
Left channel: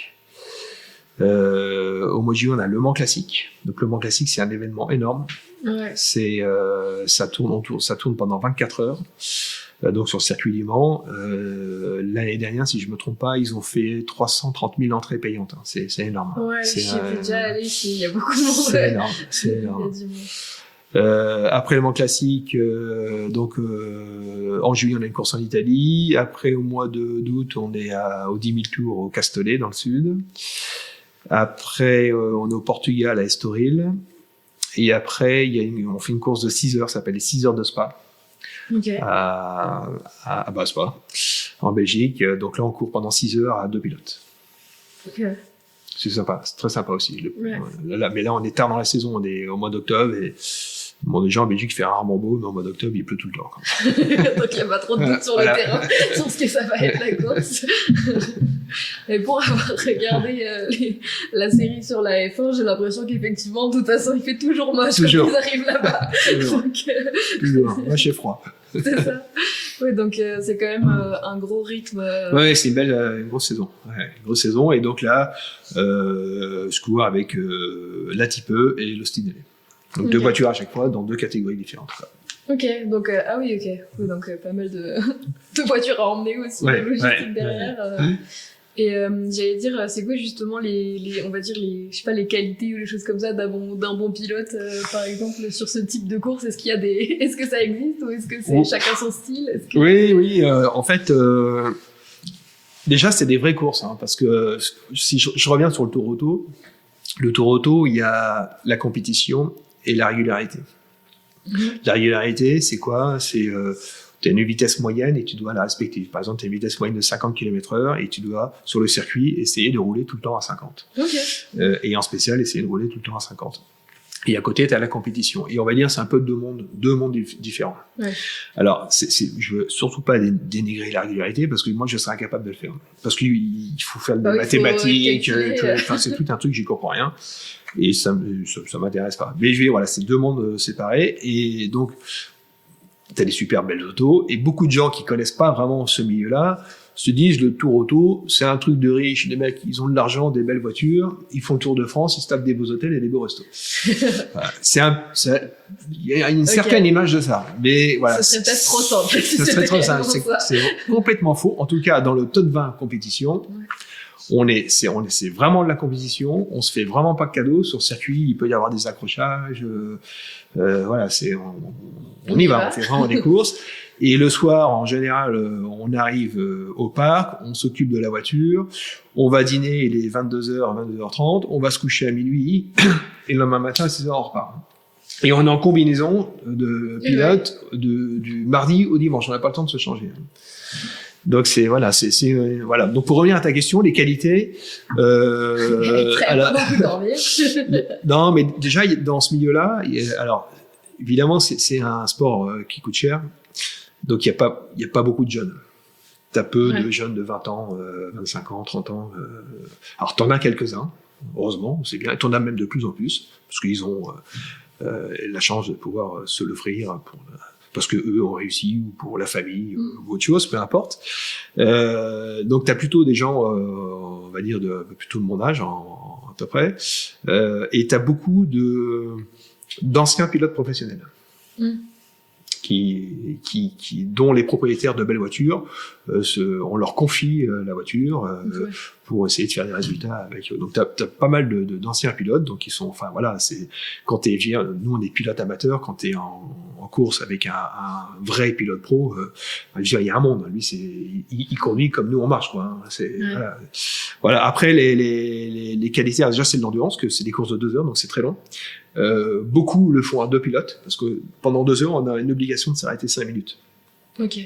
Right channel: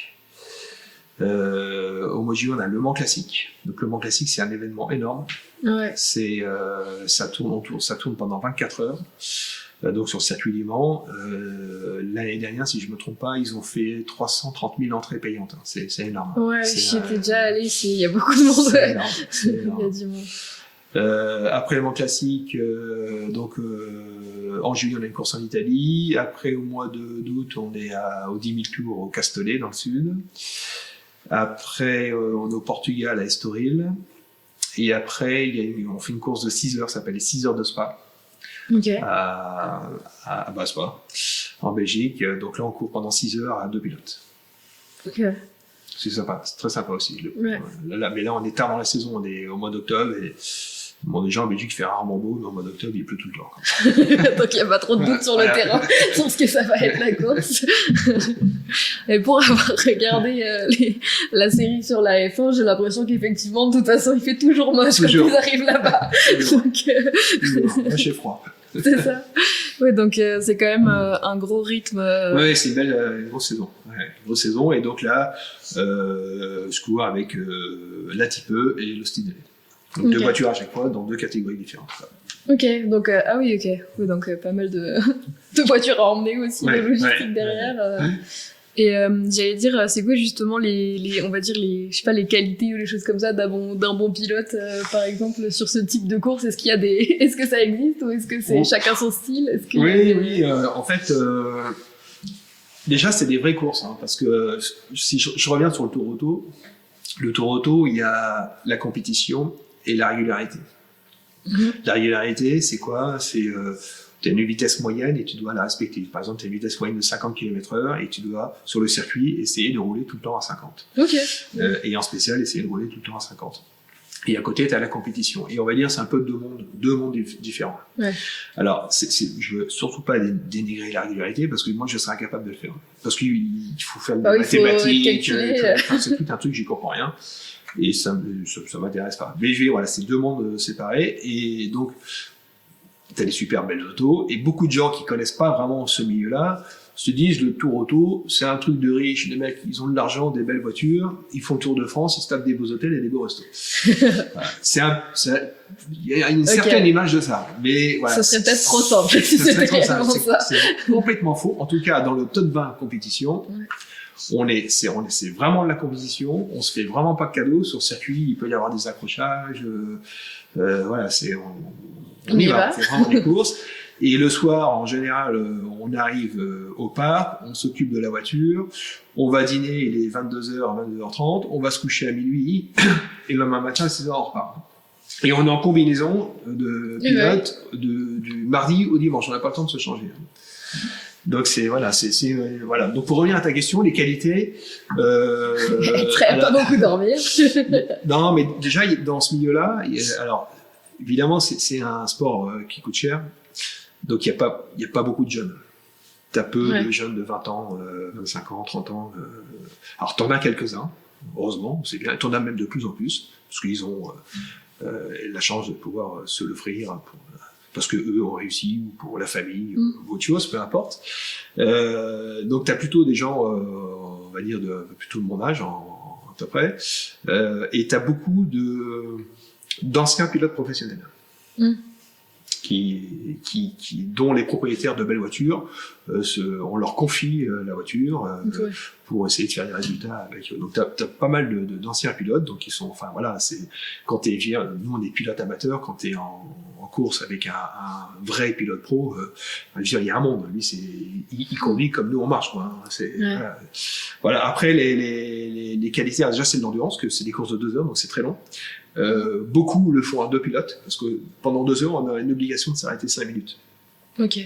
Au mois de juillet, on a Le Mans Classique. Donc le Mans Classique, c'est un événement énorme. Ouais. Ça tourne pendant 24 heures. Donc sur le circuit du Mans. L'année dernière, si je me trompe pas, ils ont fait 330 000 entrées payantes. C'est énorme. Ouais, j'y étais déjà allé ici. Il y a beaucoup de monde. C'est énorme. Il y a du monde. Après le Mans Classique, en juillet on a une course en Italie. Après au mois d'août on est aux 10 000 tours au Castellet dans le sud. Après on est au Portugal à Estoril. Et après on fait une course de 6 heures, ça s'appelle les 6 heures de Spa. À Spa, en Belgique. Donc là on court pendant 6 heures à 2 pilotes. C'est sympa, c'est très sympa aussi. Mais là on est tard dans la saison, on est au mois d'octobre et déjà en Belgique il fait rarement beau, mais au mois d'octobre il pleut tout le temps. Donc il n'y a pas trop de doute sur le terrain, sur ce que ça va être la course. Et pour avoir regardé la série sur la F1, j'ai l'impression qu'effectivement, de toute façon, il fait toujours moche quand ils arrivent là-bas. Donc, là, j'ai froid. C'est ça. Ouais, donc c'est quand même un gros rythme. Ouais, c'est une belle grosse saison. Ouais, grosse saison. Et donc là, je cours avec la Type E et le Style. Donc 2 voitures à chaque fois dans 2 catégories différentes. Ok, donc oui, donc pas mal de voitures à emmener aussi, de logistique derrière. Et j'allais dire, c'est quoi justement on va dire je sais pas, les qualités ou les choses comme ça d'un bon pilote, par exemple, sur ce type de course? Est-ce que ça existe ou est-ce que c'est chacun son style? Oui, en fait, déjà c'est des vraies courses, parce que si je reviens sur le Tour Auto, il y a la compétition et la régularité. La régularité, c'est quoi? C'est tu as une vitesse moyenne et tu dois la respecter. Par exemple, tu as une vitesse moyenne de 50 km/h et tu dois, sur le circuit, essayer de rouler tout le temps à 50. Et en spécial, essayer de rouler tout le temps à 50. Et à côté, tu as la compétition. Et on va dire, c'est un peu deux mondes différents. Alors, je veux surtout pas dénigrer la régularité parce que moi, je serais incapable de le faire. Parce qu'il faut faire de la mathématique, c'est tout un truc, j'y comprends rien. Et ça m'intéresse pas. Mais voilà, c'est 2 mondes séparés. Et donc, t'as des super belles autos, et beaucoup de gens qui connaissent pas vraiment ce milieu-là se disent le tour auto, c'est un truc de riche, les mecs, ils ont de l'argent, des belles voitures, ils font le tour de France, ils se tapent des beaux hôtels et des beaux restos. Voilà. Il y a une certaine image de ça, mais voilà. Ce serait peut-être trop simple. C'est complètement faux. En tout cas, dans le top 20 compétition, c'est vraiment de la compétition, on se fait vraiment pas de cadeaux. Sur circuit, il peut y avoir des accrochages, voilà, on y va, on fait vraiment des courses. Et le soir, en général, on arrive au parc, on s'occupe de la voiture, on va dîner, il est 22h, 22h30, on va se coucher à minuit, et le lendemain matin, à 6h, on repart. Et on est en combinaison de pilote du mardi au dimanche, on n'a pas le temps de se changer. Donc voilà. Donc pour revenir à ta question, les qualités. Pas beaucoup dormir. Non, mais déjà dans ce milieu-là, alors évidemment c'est un sport qui coûte cher, donc il y a pas beaucoup de jeunes. T'as peu de jeunes de 20 ans, 25 ans, 30 ans. Alors t'en as quelques-uns, heureusement, c'est bien. T'en as même de plus en plus, parce qu'ils ont la chance de pouvoir se l'offrir parce que eux ont réussi, ou pour la famille, ou autre chose, peu importe. Donc t'as plutôt des gens, on va dire, plutôt de mon âge, à peu près, et t'as beaucoup d'anciens pilotes professionnels. Dont les propriétaires de belles voitures, on leur confie la voiture pour essayer de faire des résultats avec eux. Donc t'as pas mal d'anciens pilotes, donc ils sont, enfin voilà, quand nous on est pilotes amateurs, quand t'es en course avec un vrai pilote pro, je veux dire, il y a un monde. Lui, il conduit comme nous on marche, quoi. Voilà. Après les qualités, déjà c'est de l'endurance, que c'est des courses de 2 heures, donc c'est très long. Beaucoup le font à 2 pilotes, parce que pendant 2 heures, on a une obligation de s'arrêter 5 minutes. Ok.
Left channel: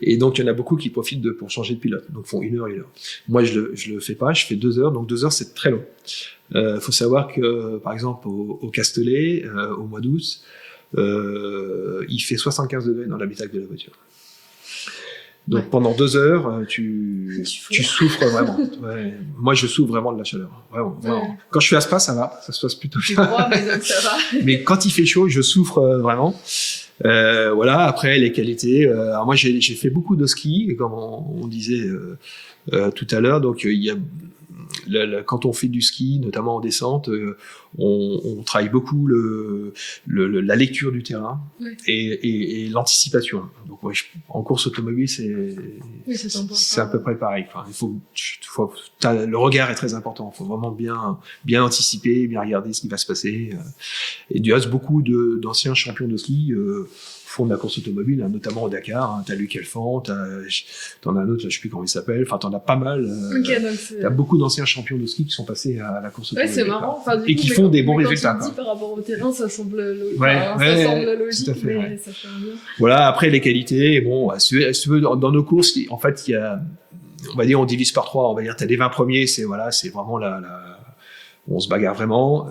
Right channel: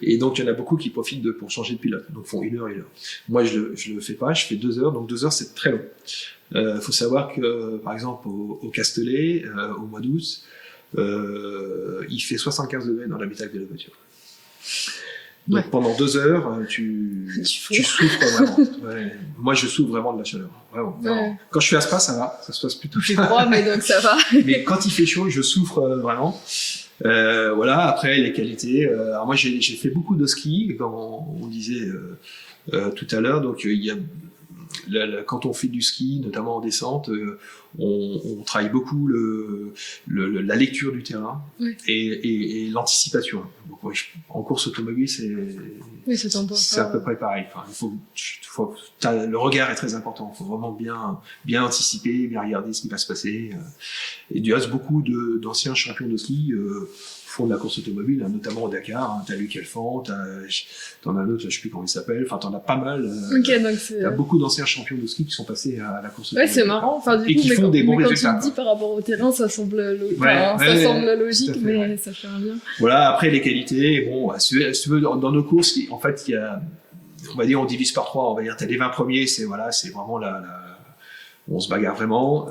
Et donc, il y en a beaucoup qui profitent pour changer de pilote, donc font 1 heure, 1 heure. Moi, je le fais pas, je fais 2 heures, donc 2 heures, c'est très long. Faut savoir que, par exemple, au Castellet, au mois d'août, il fait 75 degrés dans l'habitacle de la voiture. Donc pendant 2 heures, tu souffres vraiment. Moi, je souffre vraiment de la chaleur. Vraiment. Quand je suis à Spa, ça va, ça se passe plutôt bien. C'est froid, mais donc ça va. Mais quand il fait chaud, je souffre vraiment. Voilà. Après, les qualités. Alors moi, j'ai fait beaucoup de ski, comme on disait tout à l'heure. Donc il y a quand on fait du ski, notamment en descente, on travaille beaucoup la lecture du terrain et l'anticipation. Donc, en course automobile, c'est à peu près pareil. Enfin, le regard est très important. Il faut vraiment bien anticiper, bien regarder ce qui va se passer. Et du reste, beaucoup d'anciens champions de ski font de la course automobile, notamment au Dakar. T'as Luc Elfant, t'en as un autre, je sais plus comment il s'appelle. Enfin, t'en as pas mal. T'as beaucoup d'anciens champions de ski qui sont passés à la course automobile. C'est marrant. Enfin, et qui font des bons résultats. Quand tu dis par rapport au terrain, ça semble logique, mais ça fait un bien. Voilà. Après, les qualités, bon, dans nos courses, en fait, il y a, on va dire, on divise par 3. On va dire, t'as les 20 premiers, c'est vraiment on se bagarre vraiment.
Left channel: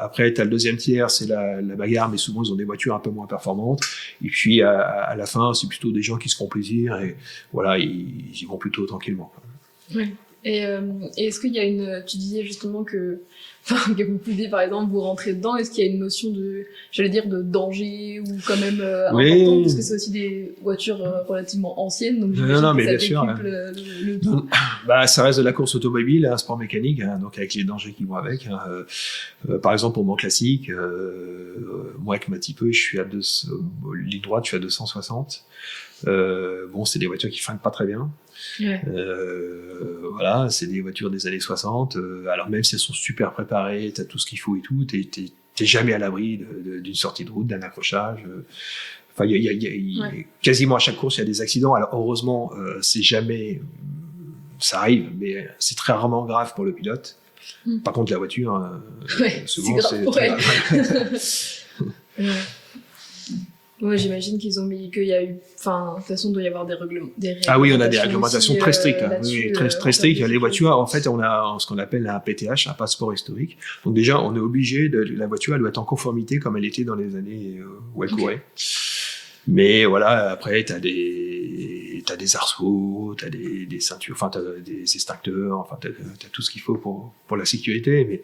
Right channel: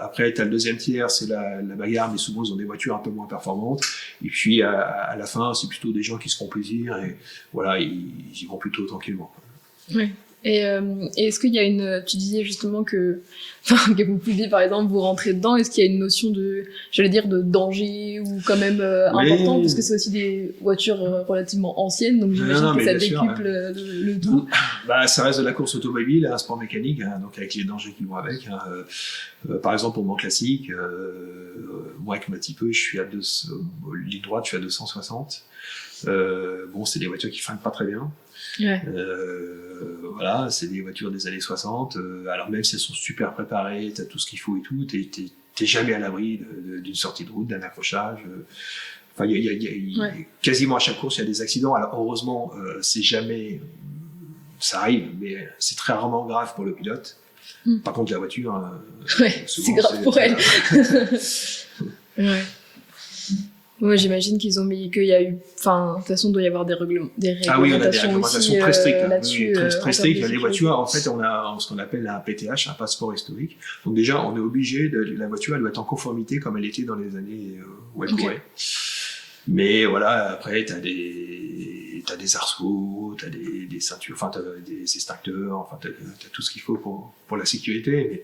Après, t'as le deuxième tiers, c'est la bagarre, mais souvent ils ont des voitures un peu moins performantes. Et puis à la fin, c'est plutôt des gens qui se font plaisir et voilà, ils y vont plutôt tranquillement. Et est-ce qu'il y a tu disais justement que vous pouviez par exemple vous rentrer dedans, est-ce qu'il y a une notion de danger ou quand même important, parce que c'est aussi des voitures relativement anciennes, donc j'imagine que ça décuple le tout. Bah, ça reste de la course automobile, un sport mécanique, donc avec les dangers qui vont avec. Par exemple, au Mans Classique, moi avec ma Type, je suis ligne droite, je suis à 260. Bon, c'est des voitures qui freinent pas très bien. Voilà, c'est des voitures des années 60. Alors même si elles sont super préparées, t'as tout ce qu'il faut et tout, t'es jamais à l'abri d'une sortie de route, d'un accrochage. Enfin, quasiment à chaque course, il y a des accidents. Alors heureusement, c'est jamais, ça arrive, mais c'est très rarement grave pour le pilote. Par contre, la voiture, c'est grave pour elle. Moi, j'imagine qu'il y a eu, de toute façon, il doit y avoir des réglementations. Ah oui, on a des réglementations très strictes. Très strictes. Les voitures, en fait, on a ce qu'on appelle un PTH, un passeport historique. Donc déjà, on est obligé la voiture, elle doit être en conformité comme elle était dans les années où elle courait. Mais voilà, après, t'as des arceaux, t'as des ceintures, t'as des extincteurs, t'as tout ce qu'il faut pour la sécurité. Mais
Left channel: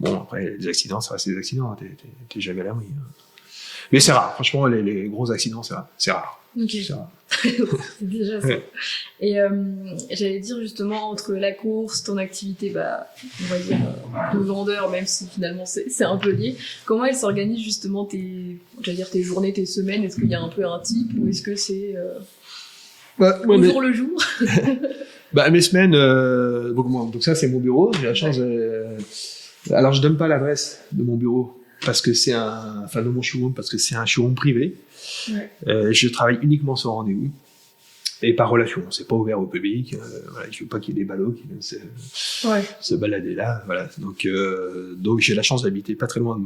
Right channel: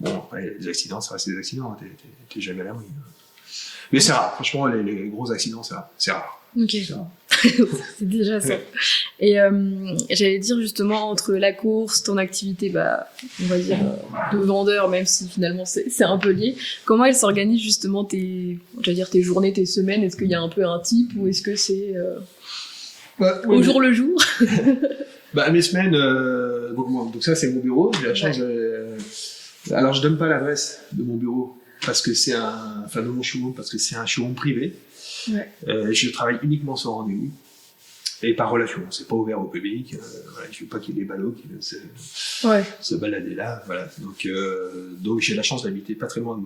bon, après, les accidents, ça reste des accidents. T'es jamais à l'abri. Mais c'est rare, franchement, les gros accidents, c'est rare. Ok. C'est déjà ça. Et j'allais dire justement, entre la course, ton activité, on va dire, de vendeur, même si finalement c'est un peu lié, comment elle s'organise justement tes journées, tes semaines? Est-ce qu'il y a un peu un type ou est-ce que c'est au jour le jour? Mes semaines, donc ça c'est mon bureau, j'ai la chance alors je donne pas l'adresse de mon bureau parce que de mon showroom parce que c'est un showroom privé. Ouais. Je travaille uniquement sans rendez-vous et par relation, c'est pas ouvert au public. Je veux pas qu'il y ait des ballots qui viennent se balader là. Voilà. Donc j'ai la chance d'habiter pas très loin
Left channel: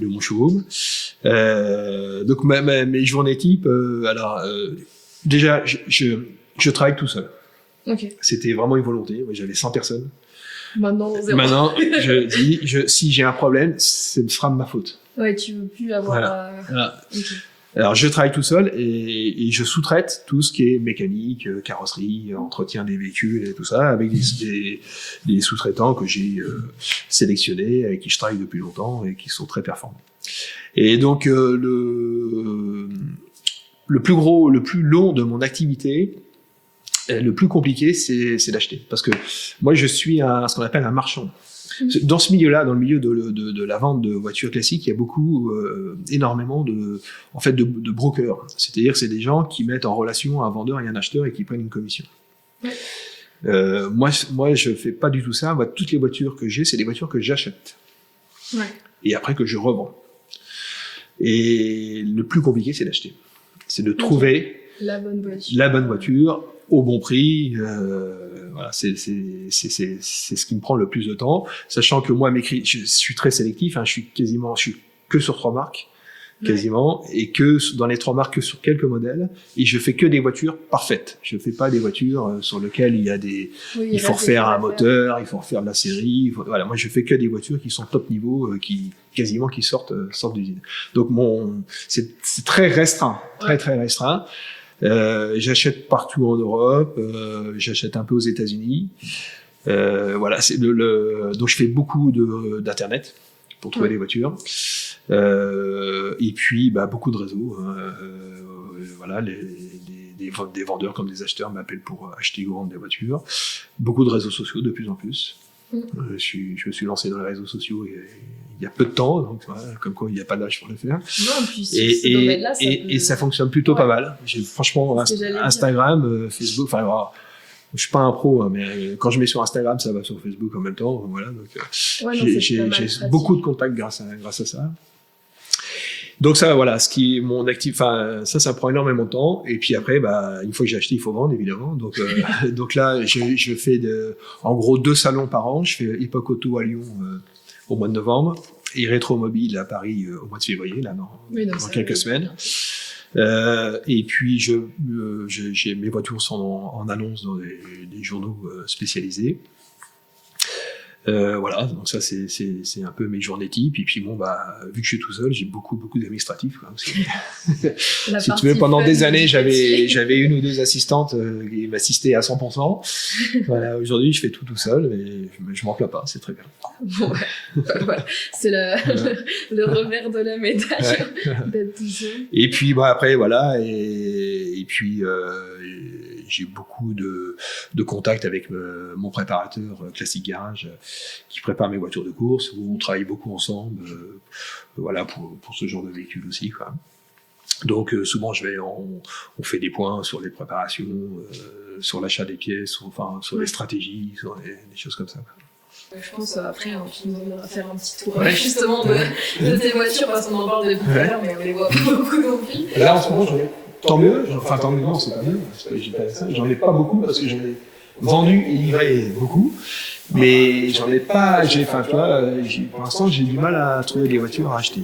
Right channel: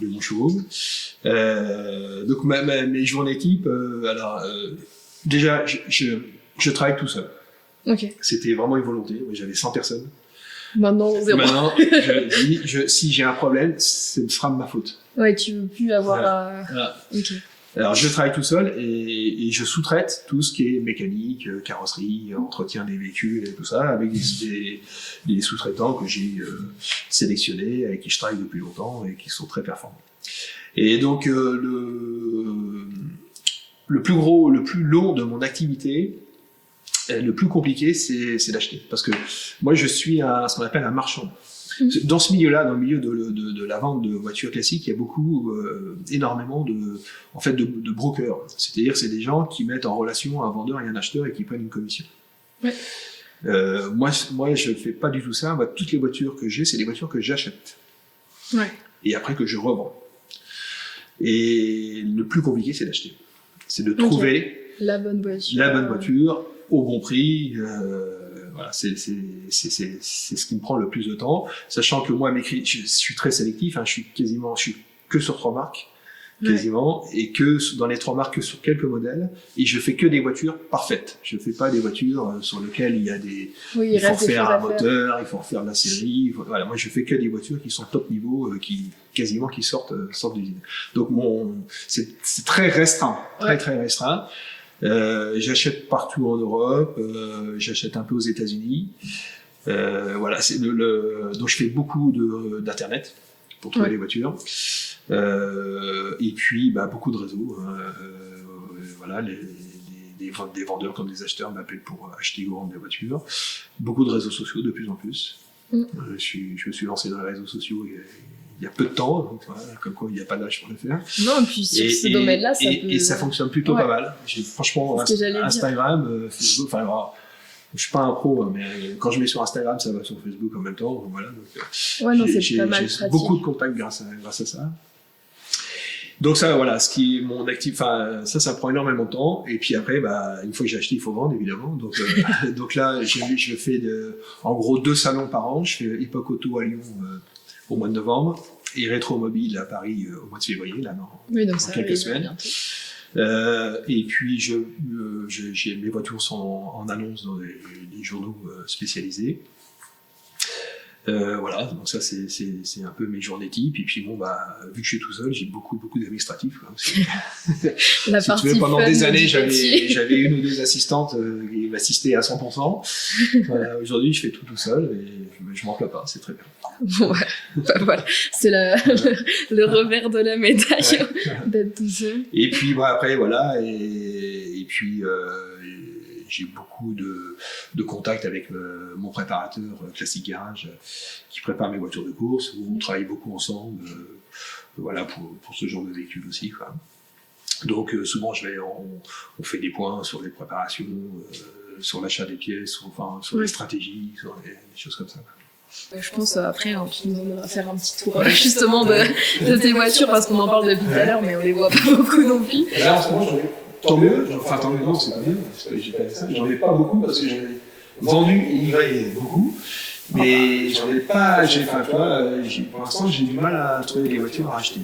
de mon showroom. Donc mes journées type, déjà je travaille tout seul. Okay. C'était vraiment une volonté. Moi, j'avais 100 personnes. Maintenant, zéro. Maintenant, je dis, si j'ai un problème, ce sera de ma faute. Ouais, tu veux plus avoir. Voilà. Okay. Alors, je travaille tout seul et je sous-traite tout ce qui est mécanique, carrosserie, entretien des véhicules et tout ça avec des sous-traitants que j'ai sélectionnés, avec qui je travaille depuis longtemps et qui sont très performants. Et donc, le plus long de mon activité, le plus compliqué, c'est d'acheter. Parce que moi, je suis ce qu'on appelle un marchand. Dans ce milieu-là, dans le milieu de la vente de voitures classiques, il y a énormément de brokers. C'est-à-dire que c'est des gens qui mettent en relation un vendeur et un acheteur et qui prennent une commission. Ouais. Moi, je ne fais pas du tout ça. Moi, toutes les voitures que j'ai, c'est des voitures que j'achète. Ouais. Et après que je revends. Et le plus compliqué, c'est d'acheter. C'est de trouver la bonne voiture au bon prix. Voilà, c'est ce qui me prend le plus de temps, sachant que moi, je suis très sélectif, je suis que sur 3 marques, quasiment, et que dans les 3 marques, que sur quelques modèles, et je fais que des voitures parfaites. Je fais pas des voitures sur lesquelles il y a il faut refaire un moteur, il faut refaire de la série, voilà, moi je fais que des voitures qui sont top niveau, qui sortent d'usine. Donc c'est très restreint, très restreint. J'achète partout en Europe, j'achète un peu aux États-Unis. Voilà, donc je fais beaucoup d'internet pour trouver les voitures. Et puis beaucoup de réseaux. Voilà, des vendeurs comme des acheteurs m'appellent pour acheter ou vendre des voitures. Beaucoup de réseaux sociaux de plus en plus. Je me suis lancé dans les réseaux sociaux il y a peu de temps, donc voilà, comme quoi il n'y a pas d'âge pour le faire. Non, puis sur ce domaine-là, et ça fonctionne plutôt pas mal. J'ai franchement Instagram, Facebook, je suis pas un pro, mais quand je mets sur Instagram, ça va sur Facebook en même temps. Voilà, donc j'ai beaucoup de contacts grâce à ça. Donc ça, voilà, ce qui est mon actif, ça prend énormément de temps. Et puis après, une fois que j'ai acheté, il faut vendre, évidemment. Donc, donc là, je fais en gros 2 salons par an. Je fais Epoch Auto à Lyon au mois de novembre et Rétromobile à Paris au mois de février, là, dans quelques semaines. Et puis, mes voitures sont en annonce dans des journaux spécialisés. Voilà, donc ça c'est un peu mes journées types. Et puis vu que je suis tout seul, j'ai beaucoup d'administratifs. Si tu veux, pendant des années, j'avais 1 ou 2 assistantes qui m'assistaient à 100%. Voilà, aujourd'hui, je fais tout seul et je m'en plains pas, c'est très bien. Bon, voilà. C'est le revers de la médaille d'être tout seul. Et puis après, voilà, et puis j'ai beaucoup de contacts avec mon préparateur Classic Garage qui prépare mes voitures de course, où on travaille beaucoup ensemble voilà, pour ce genre de véhicule aussi, quoi. Donc souvent on fait des points sur les préparations, sur l'achat des pièces, sur les stratégies, sur des choses comme ça. Je pense après on va faire un petit tour justement de tes voitures parce qu'on en parle depuis tout à l'heure mais on les voit pas beaucoup non plus. Là en ce moment tant mieux, non, c'est pas bien, j'en ai pas beaucoup parce que j'en ai vendu et livré beaucoup, mais j'en ai pas, pour l'instant j'ai du mal à trouver des voitures à acheter.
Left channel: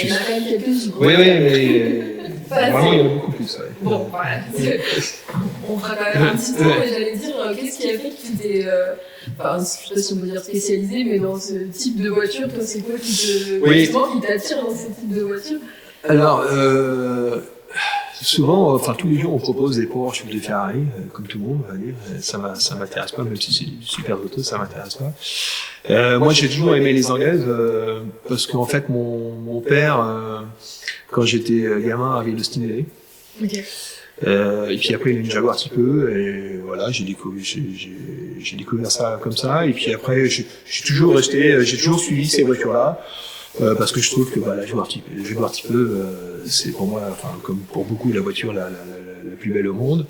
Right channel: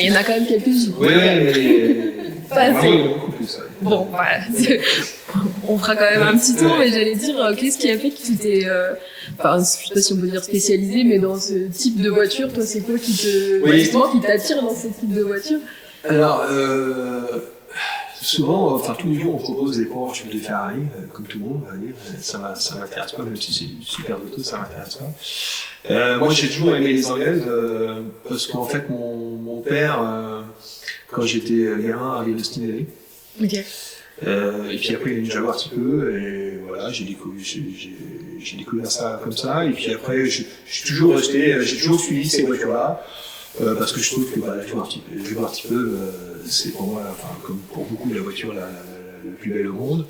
Il y en a quand même quelques-unes. Oui, mais pas il y en a beaucoup plus. Bon, voilà. On fera quand même un petit tour, mais j'allais dire, qu'est-ce qui a fait que tu t'es, je sais pas si on peut dire spécialisé, mais dans ce type de voiture, toi, c'est quoi qui t'attire dans ce type de voiture? Alors, souvent, tous les jours, on propose des Porsche ou des Ferrari, comme tout le monde, ça m'intéresse pas, même si c'est du super auto, ça m'intéresse pas. Moi, j'ai toujours aimé les anglaises, parce qu'en fait, mon père, quand j'étais gamin, avait une Austin LA. Ok. Et puis après, une Jaguar un petit peu, et voilà, j'ai découvert ça comme ça. Et puis après, j'ai toujours suivi ces voitures-là, parce que je trouve que la Jaguar un petit peu, c'est pour moi, enfin, comme pour beaucoup, la voiture la plus belle au monde.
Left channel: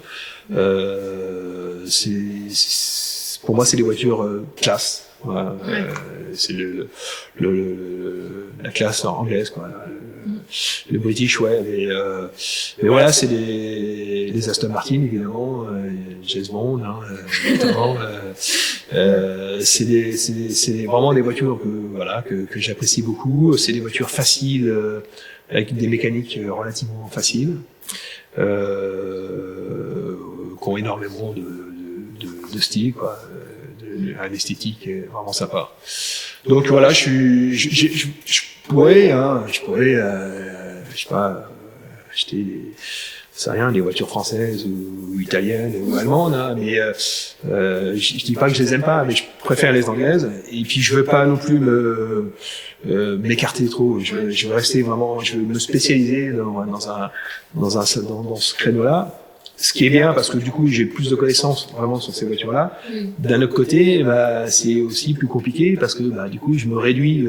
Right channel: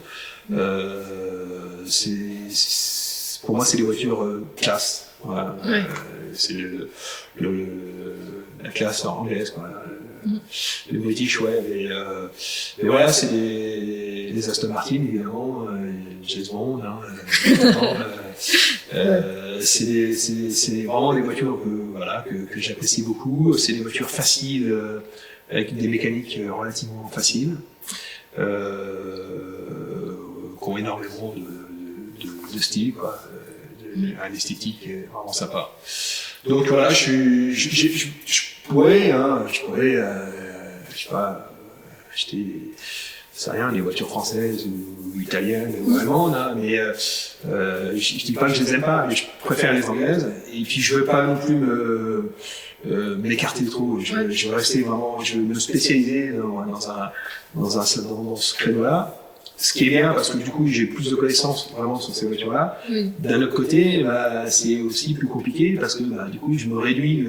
Pour moi, c'est des voitures classe. Voilà. Ouais. C'est la classe anglaise, quoi. Les British, ouais. Mais voilà, c'est des Aston Martin, évidemment, James Bond, hein, évidemment, c'est vraiment des voitures que j'apprécie beaucoup. C'est des voitures faciles, avec des mécaniques relativement faciles, qui ont énormément de style, quoi, une esthétique vraiment sympa. Donc voilà, je pourrais, je sais pas, acheter des voitures françaises ou italiennes ou allemandes, hein, mais je dis pas que je les aime pas, mais je préfère les anglaises. Et puis je veux pas non plus m'écarter trop. Je veux rester vraiment, je veux me spécialiser dans ce créneau-là. Ce qui est bien, parce que du coup, j'ai plus de connaissances vraiment sur ces voitures-là. D'un autre côté, c'est aussi plus compliqué, parce que du coup, je me réduis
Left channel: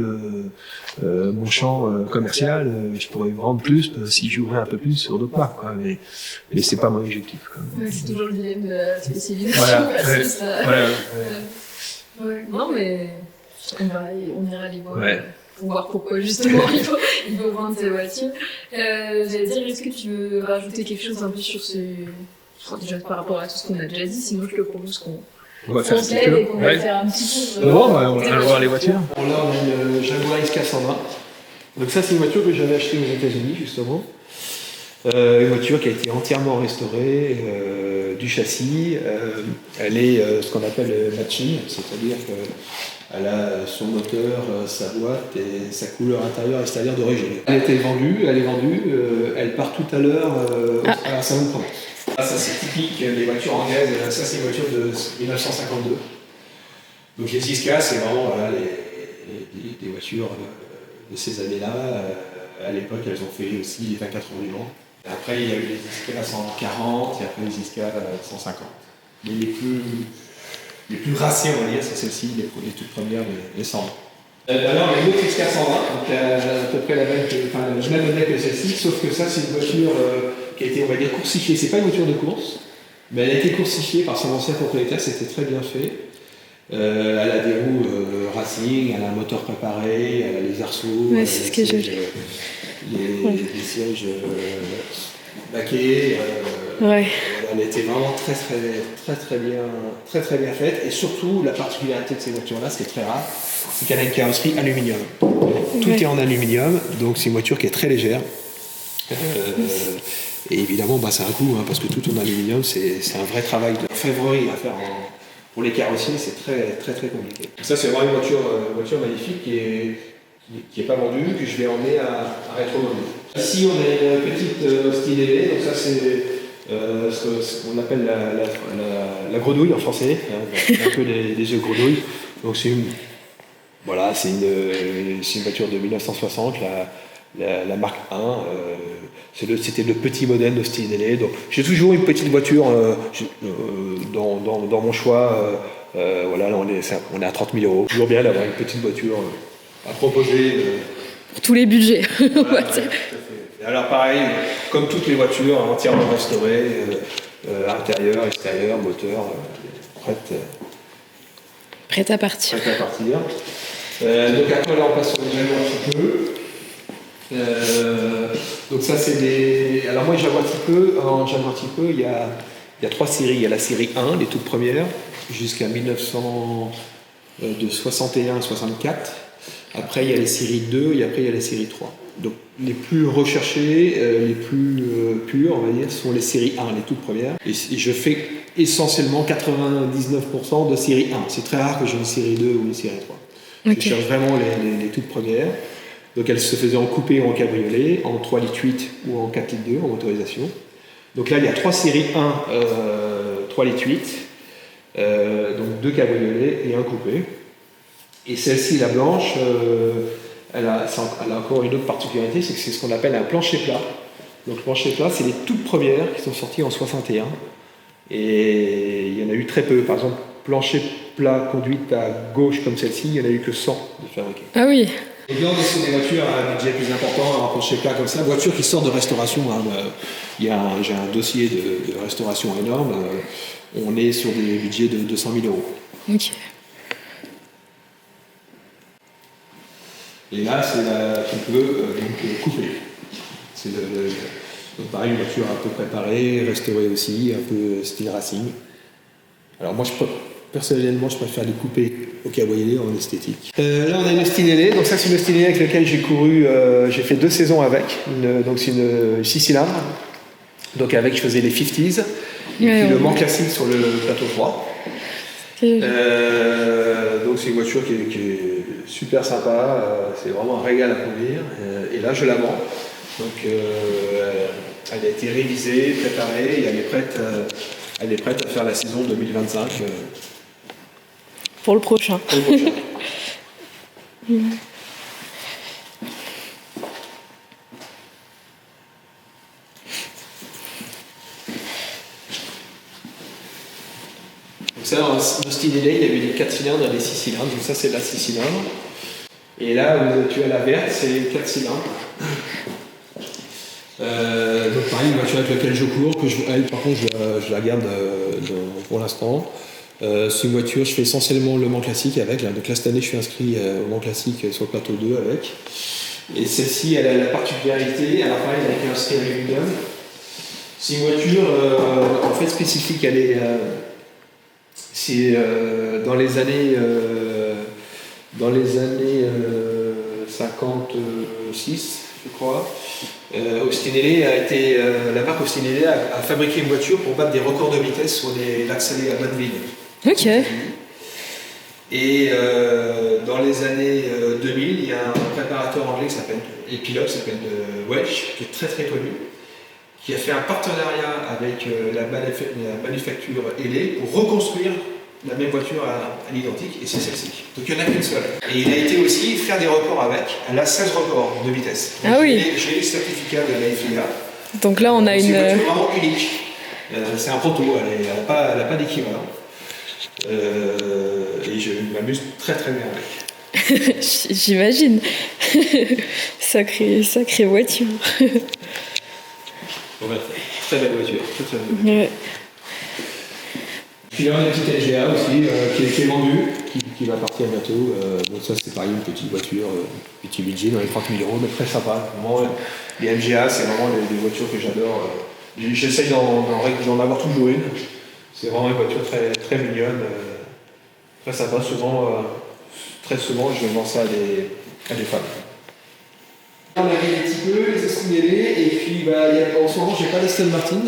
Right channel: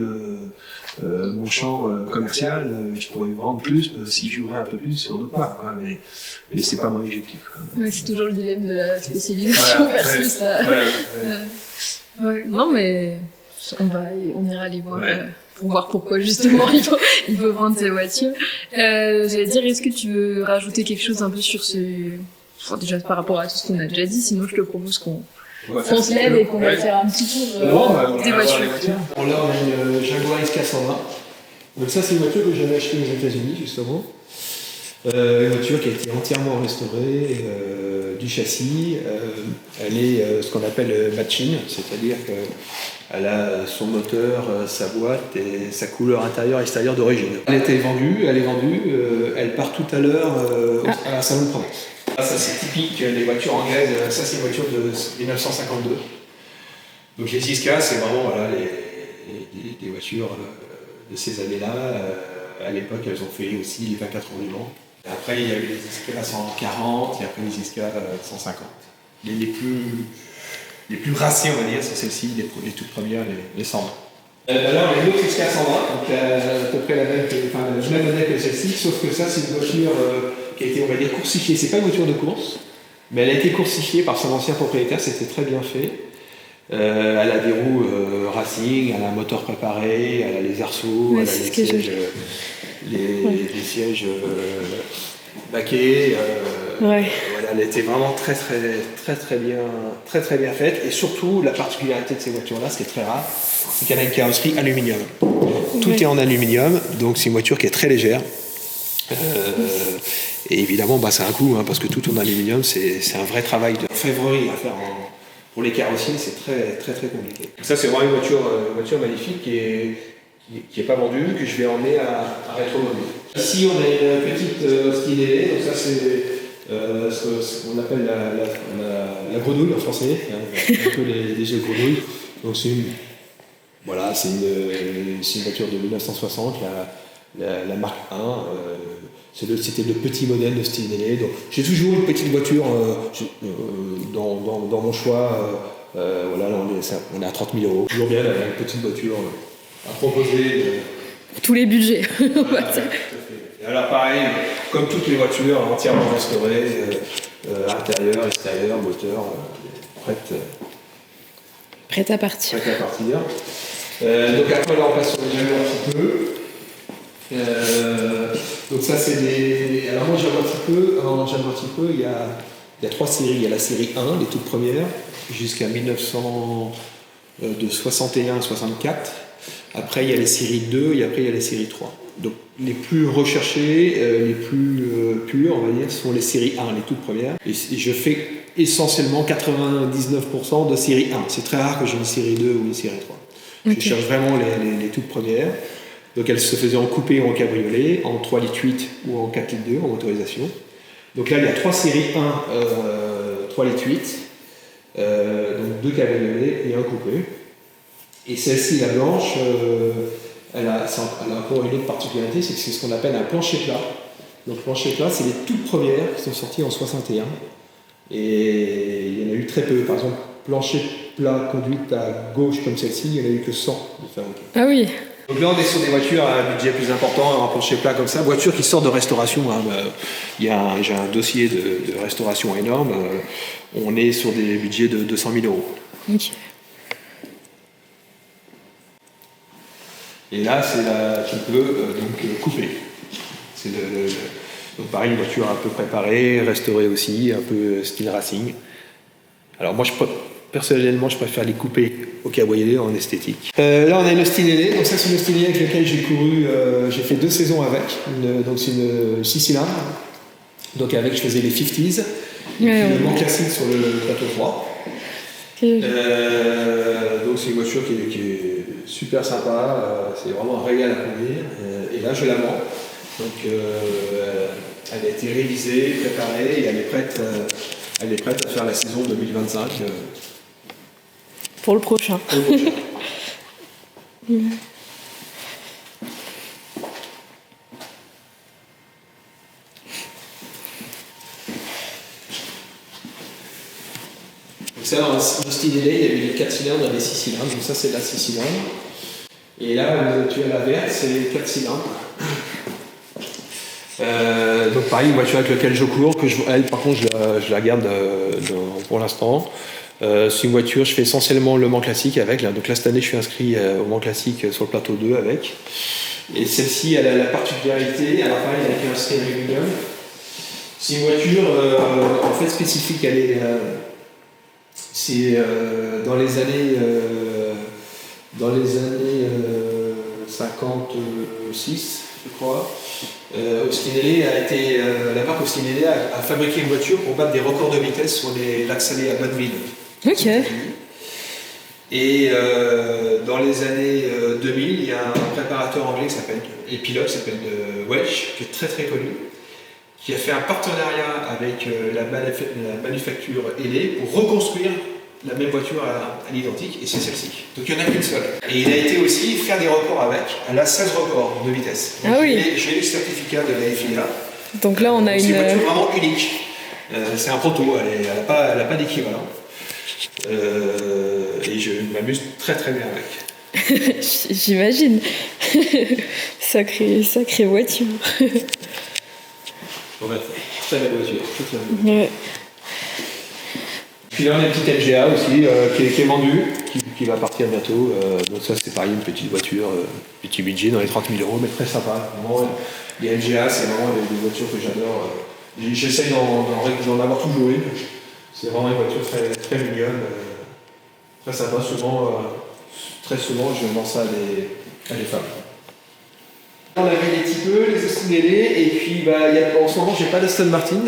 mon champ commercial. Je pourrais vendre plus si j'ouvrais un peu plus sur d'autres parts, quoi. Mais c'est pas mon objectif. Ouais, c'est toujours le dilemme de la spécialisation versus non, mais on ira les voir. Ouais. Pour voir pourquoi justement il faut vendre ces voitures. J'allais dire, est-ce que tu veux rajouter quelque chose un peu sur déjà par rapport à tout ce qu'on a déjà dit, sinon je te propose qu'on se lève et qu'on va faire un petit tour. On va voir les voitures. Bon, là on a une Jaguar X420. Donc ça c'est une voiture que j'avais achetée aux États-Unis justement. Une voiture qui a été entièrement restaurée du châssis. Elle est ce qu'on appelle matching, c'est-à-dire que elle a son moteur, sa boîte et sa couleur intérieure et extérieure d'origine. Elle est vendue, elle part tout à l'heure à la Salon de Provence. Ça c'est typique des voitures anglaises, ça c'est une voiture de 1952. Donc les Isca c'est vraiment des voitures de ces années-là. À l'époque elles ont fait aussi les 24 heures du Mans. Après il y a eu les Isca 140 et après les Isca 150. Mais les plus racées, on va dire, c'est celles-ci, les toutes premières, les 120. Alors, les autres X420, donc à peu près le même modèle que celle-ci, sauf que ça, c'est une voiture qui a été, on va dire, coursifiée. C'est pas une voiture de course, mais elle a été coursifiée par son ancien propriétaire, c'était très bien fait. Elle a des roues racing, elle a un moteur préparé, elle a les arceaux, ouais, elle a les sièges baquets. Ouais. Elle était vraiment très bien faite. Et surtout, la particularité de ces voitures-là, ce qui est très rare, c'est qu'elle a une carrosserie aluminium. Tout est en aluminium, donc c'est une voiture qui est très légère. Et évidemment, ça a un coût, parce que tout en aluminium, c'est un vrai travail de orfèvrerie à faire pour les carrossiers, c'est très compliqué. Ça, c'est vraiment une voiture magnifique qui est pas vendue, que je vais emmener à Rétro-Mobile. Ici, on a une petite Austin LA, donc ça c'est ce qu'on appelle la grenouille en français, un peu les jeux de grenouille. Donc c'est une voiture de 1960, la marque 1. C'était le petit modèle de style LA. Donc j'ai toujours une petite voiture dans mon choix. Là, on est à 30 000 €. Toujours bien d'avoir une petite voiture à proposer. Pour tous les budgets. Voilà, et alors pareil, comme toutes les voitures, entièrement restaurées, intérieur, extérieur, moteur, prête à partir. Donc après là on passe sur les Jaguar un petit peu. Donc ça c'est des... Alors moi j'aime un petit peu, il y a 3 séries. Il y a la série 1, les toutes premières, jusqu'à 1961 à 64. Après il y a les séries 2 et après il y a les séries 3. Donc les plus recherchés, les plus purs, on va dire, sont les séries 1, les toutes premières. Et je fais essentiellement 99% de série 1. C'est très rare que j'ai une série 2 ou une série 3. Okay. Je cherche vraiment les toutes premières. Donc elles se faisaient en coupé ou en cabriolet, en 3,8 litres ou en 4,2 litres en motorisation. Donc là il y a 3 séries 1, 3,8 litres, donc 2 cabriolets et un coupé. Et celle-ci, la blanche, elle a encore une autre particularité, c'est que c'est ce qu'on appelle un plancher plat. Donc plancher plat, c'est les toutes premières qui sont sorties en 61. Et il y en a eu très peu. Par exemple, plancher plat conduite à gauche comme celle-ci, il n'y en a eu que 100 de fabriqués. Ah oui. Donc là, on est sur des voitures à un budget plus important, un plancher plat comme ça. Voiture qui sort de restauration. Hein. J'ai un dossier de restauration énorme. On est sur des budgets de 200 000 euros. Ok. Et là, tu peux donc couper. Donc pareil, une voiture un peu préparée, restaurée aussi, un peu style racing. Alors moi, personnellement, je préfère les couper au cabriolet en esthétique. Là, on a une Austin LA. Donc ça, c'est une Austin LA avec laquelle j'ai couru. J'ai fait 2 saisons avec. Donc c'est une 6 cylindres. Donc avec, je faisais les 50s. Le Mans classique sur le plateau 3. Donc c'est une voiture qui est super sympa. C'est vraiment un régal à conduire. Et là, je la vends. Donc elle a été révisée, préparée et elle est prête à faire la saison 2025. Pour le prochain. Donc ça, dans Austin LA, il y avait les 4 cylindres et les 6 cylindres. Donc ça, c'est la 6 cylindres. Et là, tu as la verte, c'est les 4 cylindres. Donc pareil, une voiture avec laquelle je cours, elle par contre je la garde pour l'instant. C'est une voiture, je fais essentiellement le Mans classique avec. Là. Donc là cette année je suis inscrit au Mans classique sur le plateau 2 avec. Et celle-ci elle a la particularité, alors pareil avec un style aluminium. C'est une voiture en fait spécifique, c'est dans les années 56 je crois. Austin LA la marque Austin LA a fabriqué une voiture pour battre des records de vitesse sur les lacs salés à Bonneville. Ok. Et dans les années 2000, il y a un préparateur anglais et pilote qui s'appelle Welch, qui est très très connu, qui a fait un partenariat avec la manufacture LA pour reconstruire la même voiture à l'identique, et c'est celle-ci. Donc il n'y en a qu'une seule. Et il a été aussi faire des records avec. Elle a 16 records de vitesse. Donc, ah oui. J'ai les certificats de la FIA. Donc là, on a c'est une voiture vraiment unique. C'est un proto, elle n'a pas d'équivalent. Et je m'amuse très très bien avec. J'imagine. Sacrée voiture. Ouais, très belle voiture. Très belle. Ouais. Puis là, on a une petite LGA aussi qui est vendue, qui va partir bientôt. Donc ça, c'est pareil, une petite voiture, petit budget dans les 30 000 euros, mais très sympa. Vraiment, les LGA, c'est vraiment des voitures que j'adore. J'essaye d'en avoir toujours une. C'est vraiment une voiture très, très mignonne, très sympa. Très souvent, je vends ça à des femmes. On a vu un petit peu les Austin LA, et puis en ce moment, j'ai pas d'Aston Martin.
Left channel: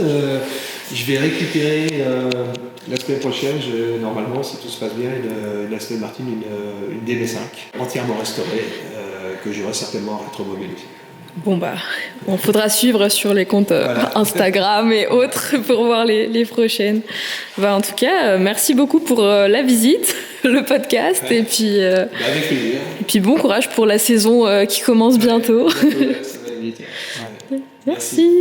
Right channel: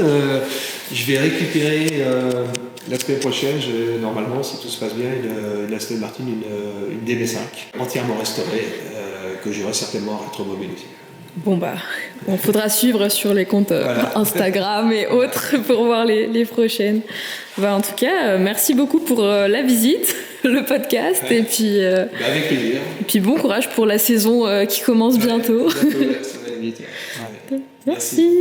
Je vais récupérer la semaine prochaine, normalement, si tout se passe bien, une Aston Martin, une DB5, entièrement restaurée, que j'aurai certainement à Rétromobile aussi. Bon on faudra suivre sur les comptes Instagram et autres pour voir les prochaines. En tout cas, merci beaucoup pour la visite, le podcast, et puis avec plaisir. Et puis bon courage pour la saison qui commence bientôt. Bientôt, ça va aller vite. Ouais. Merci.